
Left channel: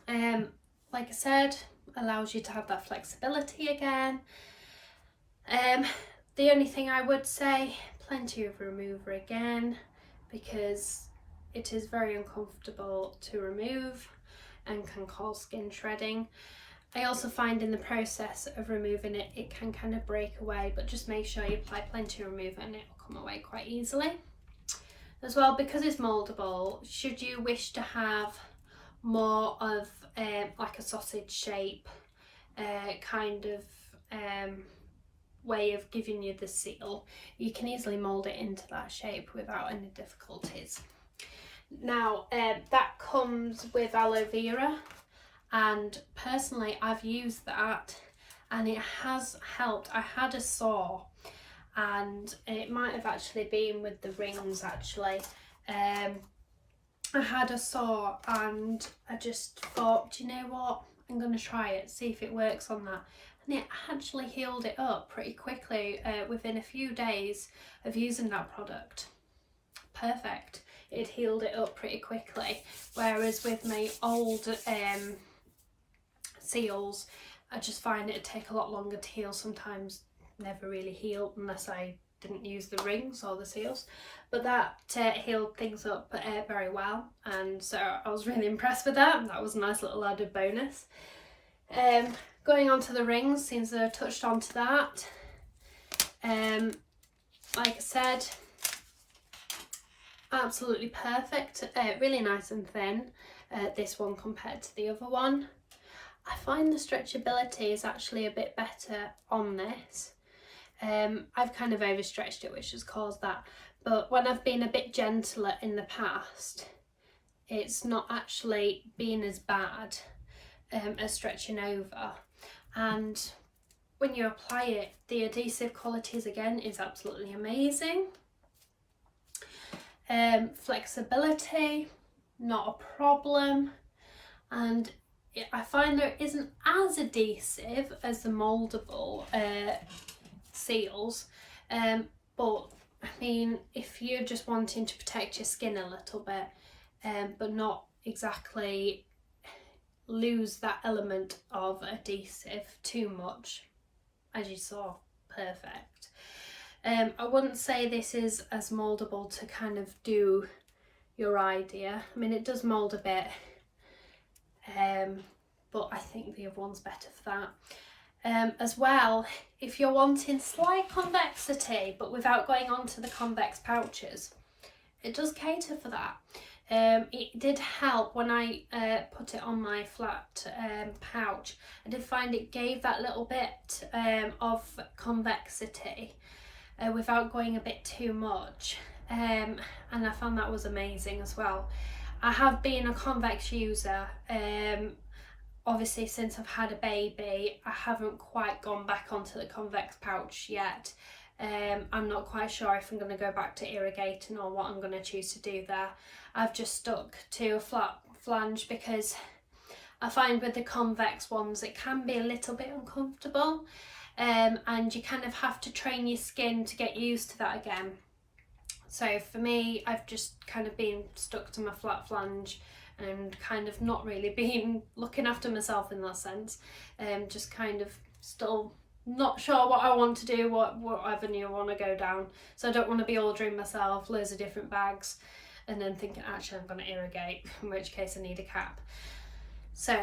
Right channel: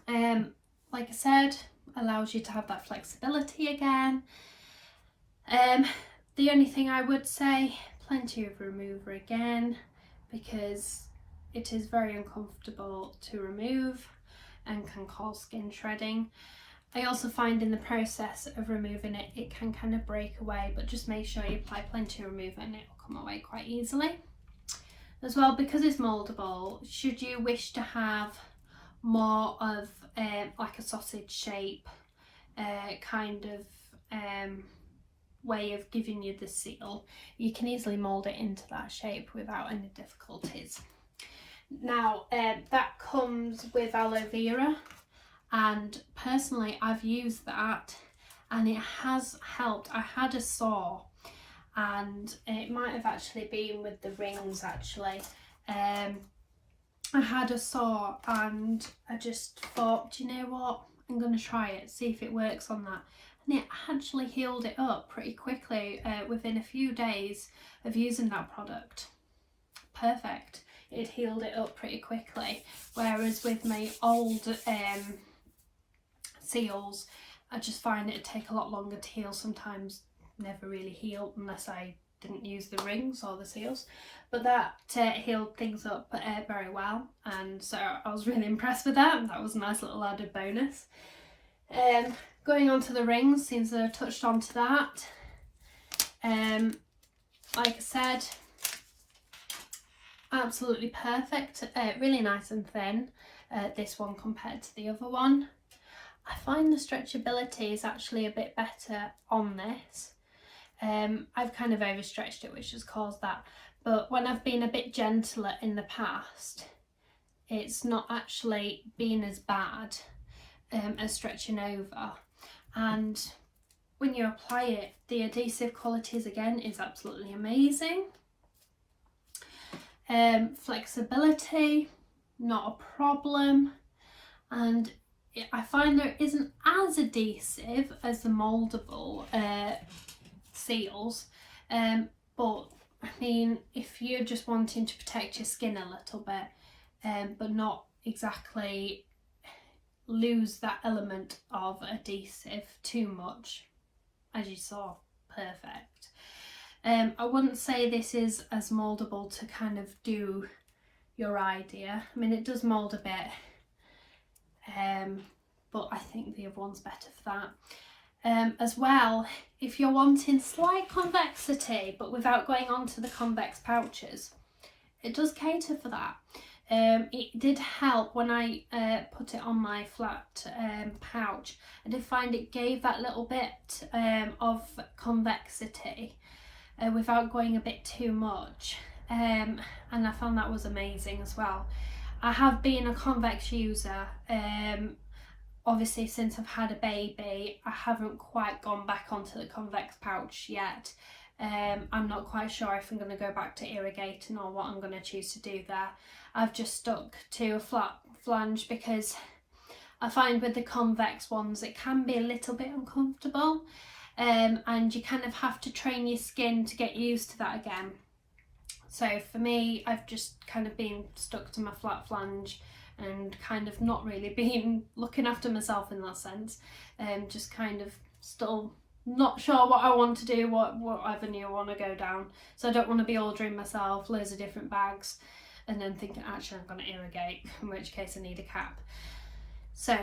Like I said, allows you to have that flexibility again. The only thing I would say, plenty of remover again, because it is very uncomfortable to remove and can cause skin shredding. I also find in the process of removing it, it can kind of break away, but just make sure you apply plenty of remover and it will come away quite easily. As well, because it's moldable, should you wish to have more of like a sausage shape kind of way of giving you the seal, you can easily mold it into that shape without any difficulties. Now that comes with aloe vera, and personally I've used that and it has helped. I had a sore, and it might have actually been with the rings actually. I had a sore and I just thought, do you know what, I'm going to try it, see if it works on that. And it actually healed it up pretty quickly within a few days of using that product. Perfect. It healed it up pretty quickly, whereas with my old seals, I just find it'd take a lot longer to heal. Sometimes never really healed unless I didn't use the rings or the seals, but that healed things up very well, and so I was really impressed with that, and that was a nice little added bonus. Going on to the rings, seems that I touched onto that. Like I said, absolutely perfect, really nice and thin, this one compared to the other one. I find the stretchability is actually a bit better on this. I've kind of overstretched it, which has caused that, but when I've been a bit gentler in the past, it's not actually been as bad as stretching over. And when you apply it, the adhesive qualities again is absolutely amazing. Flexibility, not a problem, and I find there isn't as adhesive as the moldable seals, but I mean, if you're just wanting to protect your skin a little bit, but not exactly lose that element of adhesive too much, as you saw, perfect. I wouldn't say this is as moldable to kind of do your idea. I mean, it does mold a bit, but I think the other one's better for that. As well, if you're wanting slight convexity but without going on to the convex pouches, it does cater for that. It did help when I put it on my flat pouch. I did find it gave that little bit of convexity without going a bit too much, and I found that was amazing as well. I have been a convex user, obviously since I've had a baby. I haven't quite gone back onto the convex pouch yet. I'm not quite sure if I'm going to go back to irrigating or what I'm going to choose to do there. I've just stuck to a flat flange because I find with the convex ones it can be a little bit uncomfortable, and you kind of have to train your skin to get used to that again. So for me, I've just kind of been stuck to my flat flange and kind of not really been looking after myself in that sense. Just kind of still not sure what I want to do, what avenue I want to go down. So I don't want to be ordering myself loads of different bags and then thinking actually I'm going to irrigate, in which case I need a cap. So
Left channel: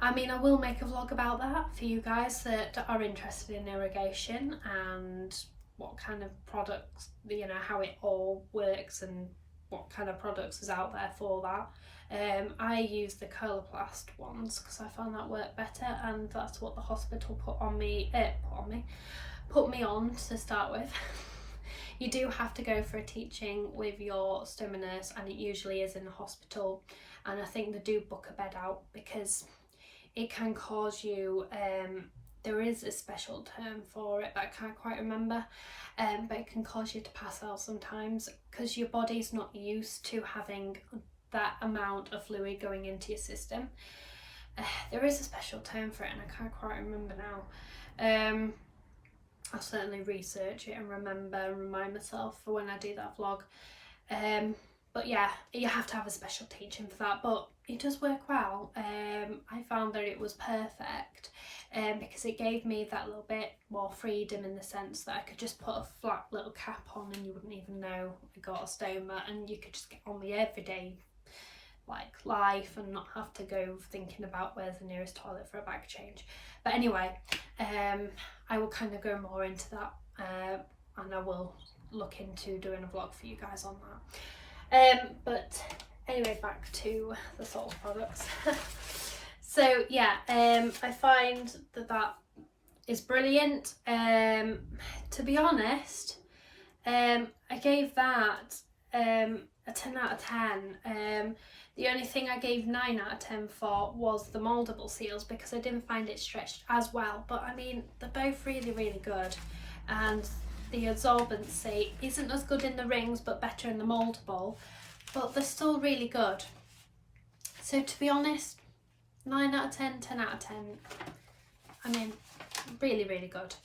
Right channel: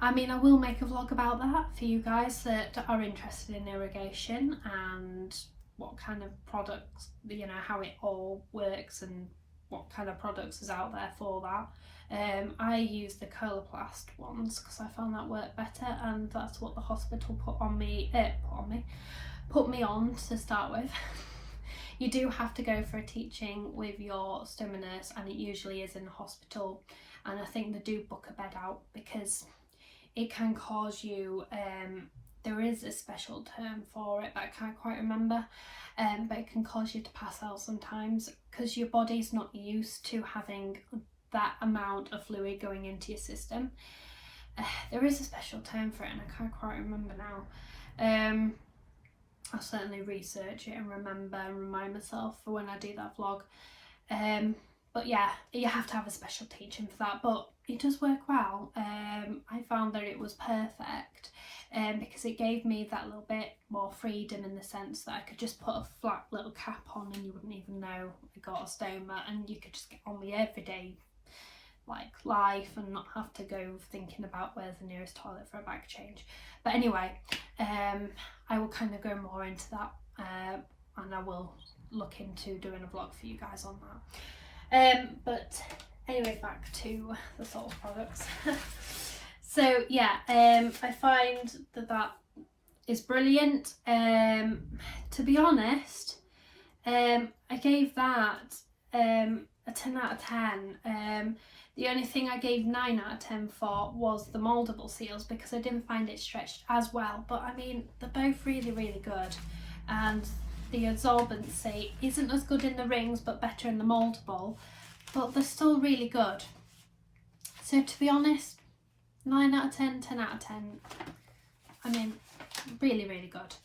I mean, I will make a vlog about that for you guys that are interested in irrigation and what kind of products, you know, how it all works and what kind of products is out there for that. I use the Coloplast ones because I found that worked better, and that's what the hospital put me on to start with. You do have to go for a teaching with your stomach nurse, and it usually is in the hospital, and I think they do book a bed out because it can cause you, there is a special term for it that I can't quite remember, but it can cause you to pass out sometimes because your body's not used to having that amount of fluid going into your system. There is a special term for it and I can't quite remember now. I'll certainly research it and remember and remind myself for when I do that vlog. But yeah, you have to have a special teaching for that, but it does work well. I found that it was perfect because it gave me that little bit more freedom in the sense that I could just put a flat little cap on and you wouldn't even know I got a stoma, and you could just get on with everyday like life and not have to go thinking about where's the nearest toilet for a bag change. But anyway, I will kind of go more into that, and I will look into doing a vlog for you guys on that. But anyway, back to the Salts products. So yeah, I find that is brilliant. To be honest, I gave that a 10 out of 10. The only thing I gave 9 out of 10 for was the Moldable Seals because I didn't find it stretched as well. But I mean, they're both really, really good. And the absorbency isn't as good in the rings, but better in the moldable. But they're still really good. So to be honest, 9 out of 10, 10 out of 10. I mean, really, really good.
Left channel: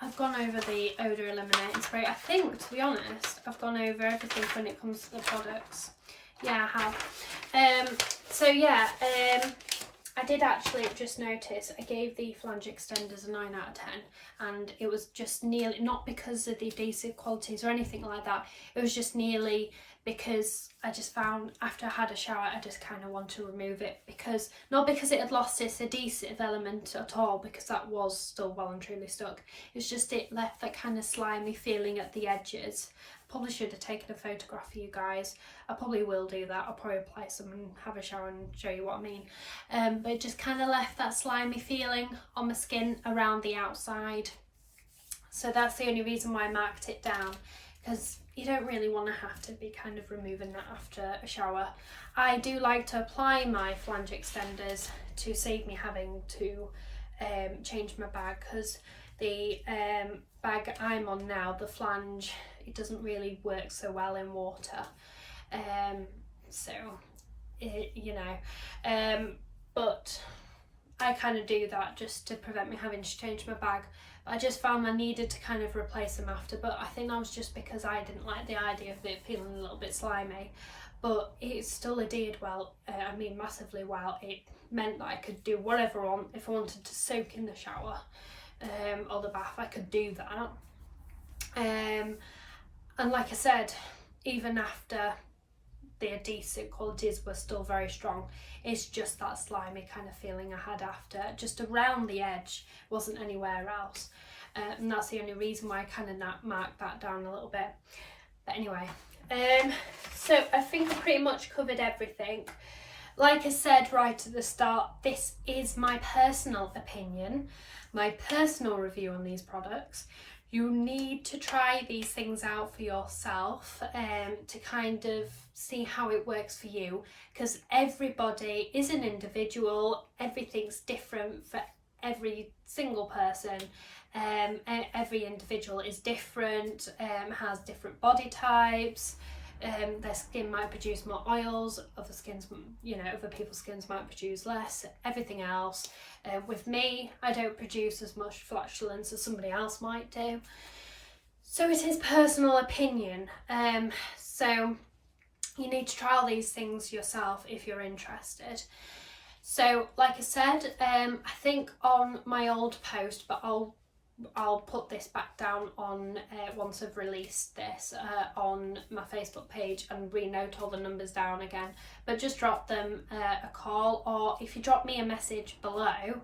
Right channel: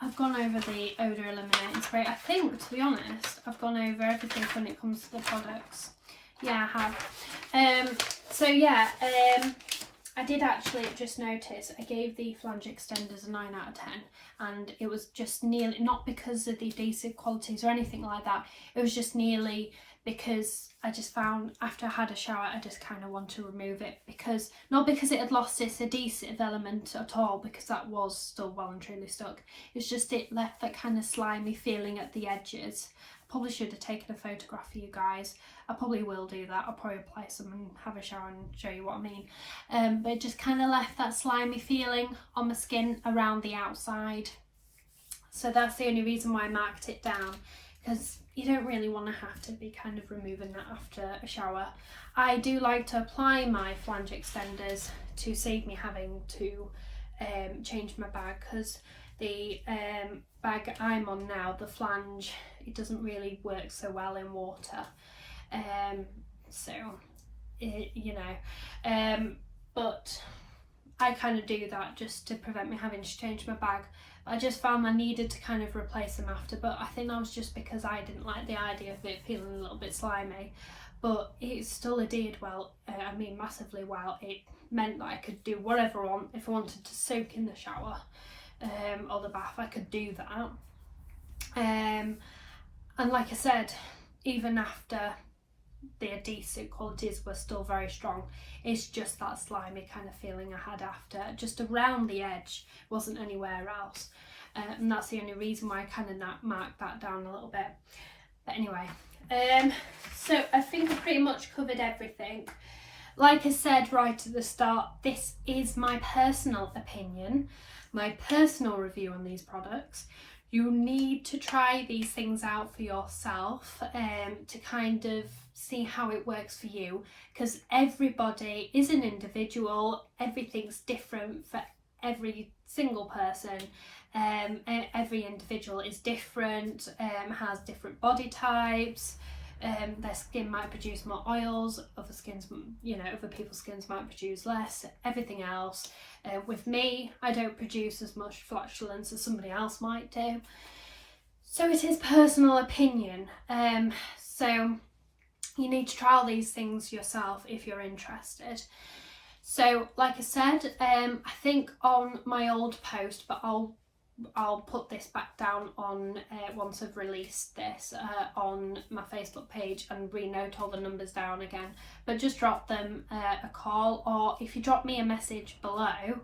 I've gone over the Eau De Eliminating Spray. I think, to be honest, I've gone over everything when it comes to the products. Yeah, I have. So yeah, I did actually just notice I gave the Flange Extenders a 9 out of 10, and it was just nearly, not because of the adhesive qualities or anything like that, it was just nearly because I just found after I had a shower I just kind of want to remove it, because not because it had lost its adhesive element at all, because that was still well and truly stuck. It's just it left that kind of slimy feeling at the edges. I probably should have taken a photograph for you guys. I probably will do that. I'll probably apply some and have a shower and show you what I mean. But it just kind of left that slimy feeling on my skin around the outside. So that's the only reason why I marked it down, because you don't really want to have to be kind of removing that after a shower. I do like to apply my Flange Extenders to save me having to change my bag, because the bag I'm on now, the Flange, it doesn't really work so well in water. But I kind of do that just to prevent me having to change my bag. I just found I needed to kind of replace them after, but I think that was just because I didn't like the idea of it feeling a little bit slimy. But it still adhered well, I mean massively well. It meant that I could do whatever on, if I wanted to soak in the shower or the bath, I could do that. And like I said, even after the adhesive qualities were still very strong, it's just that slimy kind of feeling I had after, just around the edge, wasn't anywhere else. And that's the only reason why I kind of marked that down a little bit. But anyway, so I think I pretty much covered everything. Like I said right at the start, this is my personal opinion, my personal review on these products. You need to try these things out for yourself to kind of see how it works for you, because everybody is an individual. Everything's different for every single person. Every individual is different, has different body types. Their skin might produce more oils, other people's skins might produce less, everything else. With me, I don't produce as much flatulence as somebody else might do. So it is personal opinion. So you need to try all these things yourself if you're interested. So like I said, I think on my old post, but I'll put this back down on once I've released this on my Facebook page and renote all the numbers down again, but just drop them a call, or if you drop me a message below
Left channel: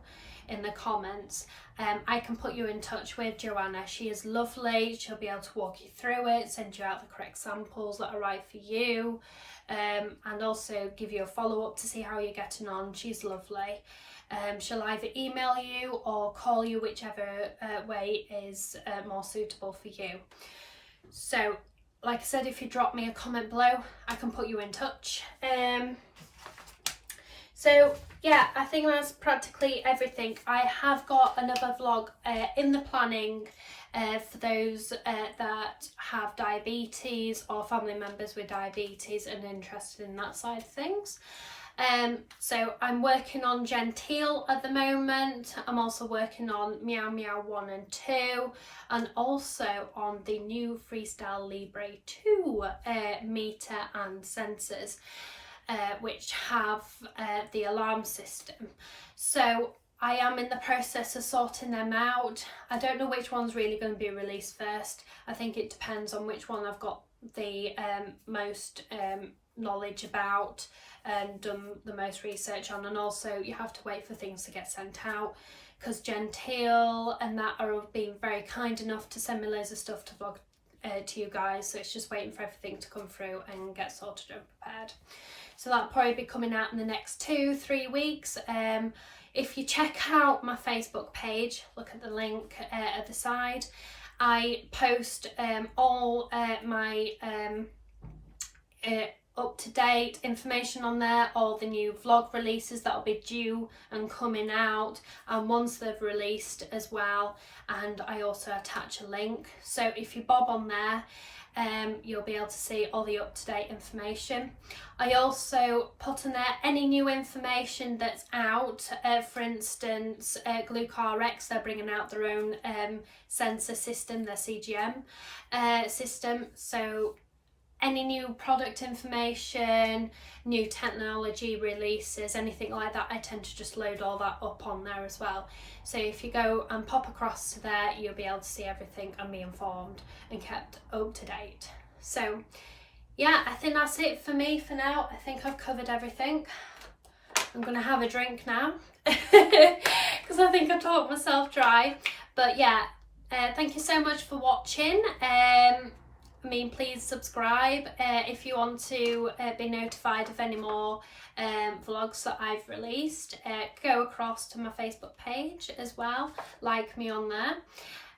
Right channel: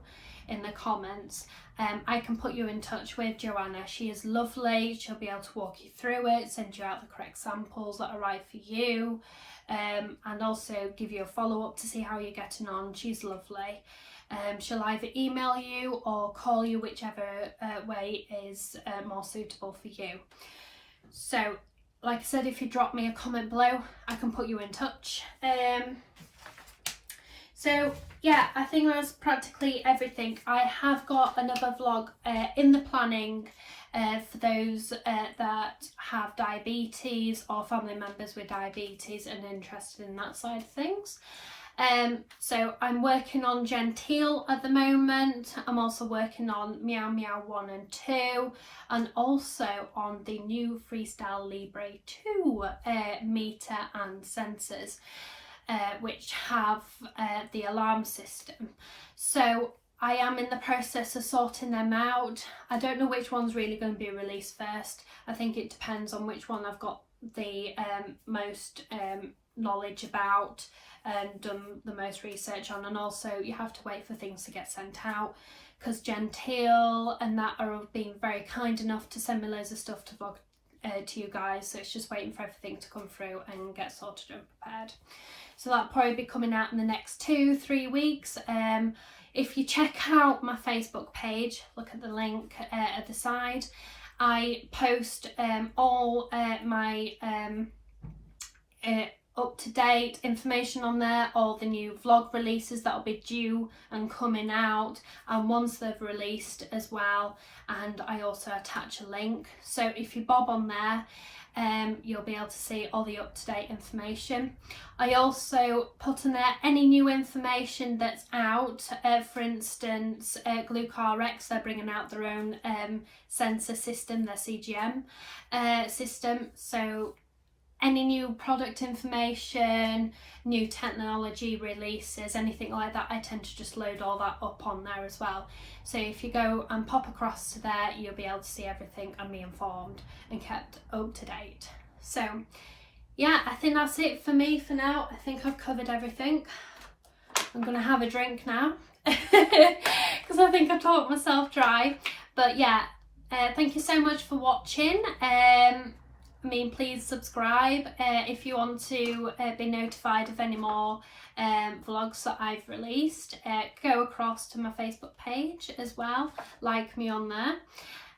in the comments, I can put you in touch with Joanna. She is lovely. She'll be able to walk you through it, send you out the correct samples that are right for you, and also give you a follow-up to see how you're getting on. She's lovely. She'll either email you or call you, whichever way is more suitable for you. So like I said, if you drop me a comment below, I can put you in touch. So yeah, I think that's practically everything. I have got another vlog in the planning for those that have diabetes or family members with diabetes and interested in that side of things. So I'm working on Genteel at the moment. I'm also working on Meow Meow 1 and 2, and also on the new Freestyle Libre 2 meter and sensors, which have the alarm system. So I am in the process of sorting them out. I don't know which one's really going to be released first. I think it depends on which one I've got the most knowledge about and done the most research on, and also you have to wait for things to get sent out, because Genteel and that are being very kind enough to send me loads of stuff to vlog to you guys, so it's just waiting for everything to come through and get sorted and prepared. So that'll probably be coming out in the next 2-3 weeks. If you check out my Facebook page, look at the link at the side, I post all my up-to-date information on there, all the new vlog releases that will be due and coming out, and once they've released as well, and I also attach a link. So if you bob on there, you'll be able to see all the up-to-date information. I also put in there any new information that's out. For instance, GluCarX, they're bringing out their own sensor system, their CGM system. So any new product information, new technology releases, anything like that, I tend to just load all that up on there as well. So if you go and pop across to there, you'll be able to see everything and be informed and kept up to date. So yeah, I think that's it for me for now. I think I've covered everything. I'm gonna have a drink now because I think I talked myself dry. But yeah, thank you so much for watching. Please subscribe if you want to be notified of any more vlogs that I've released. Go across to my Facebook page as well, like me on there.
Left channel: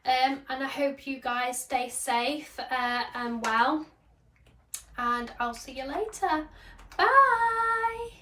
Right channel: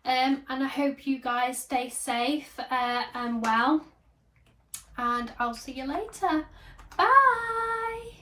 And I hope you guys stay safe and well, and I'll see you later. Bye!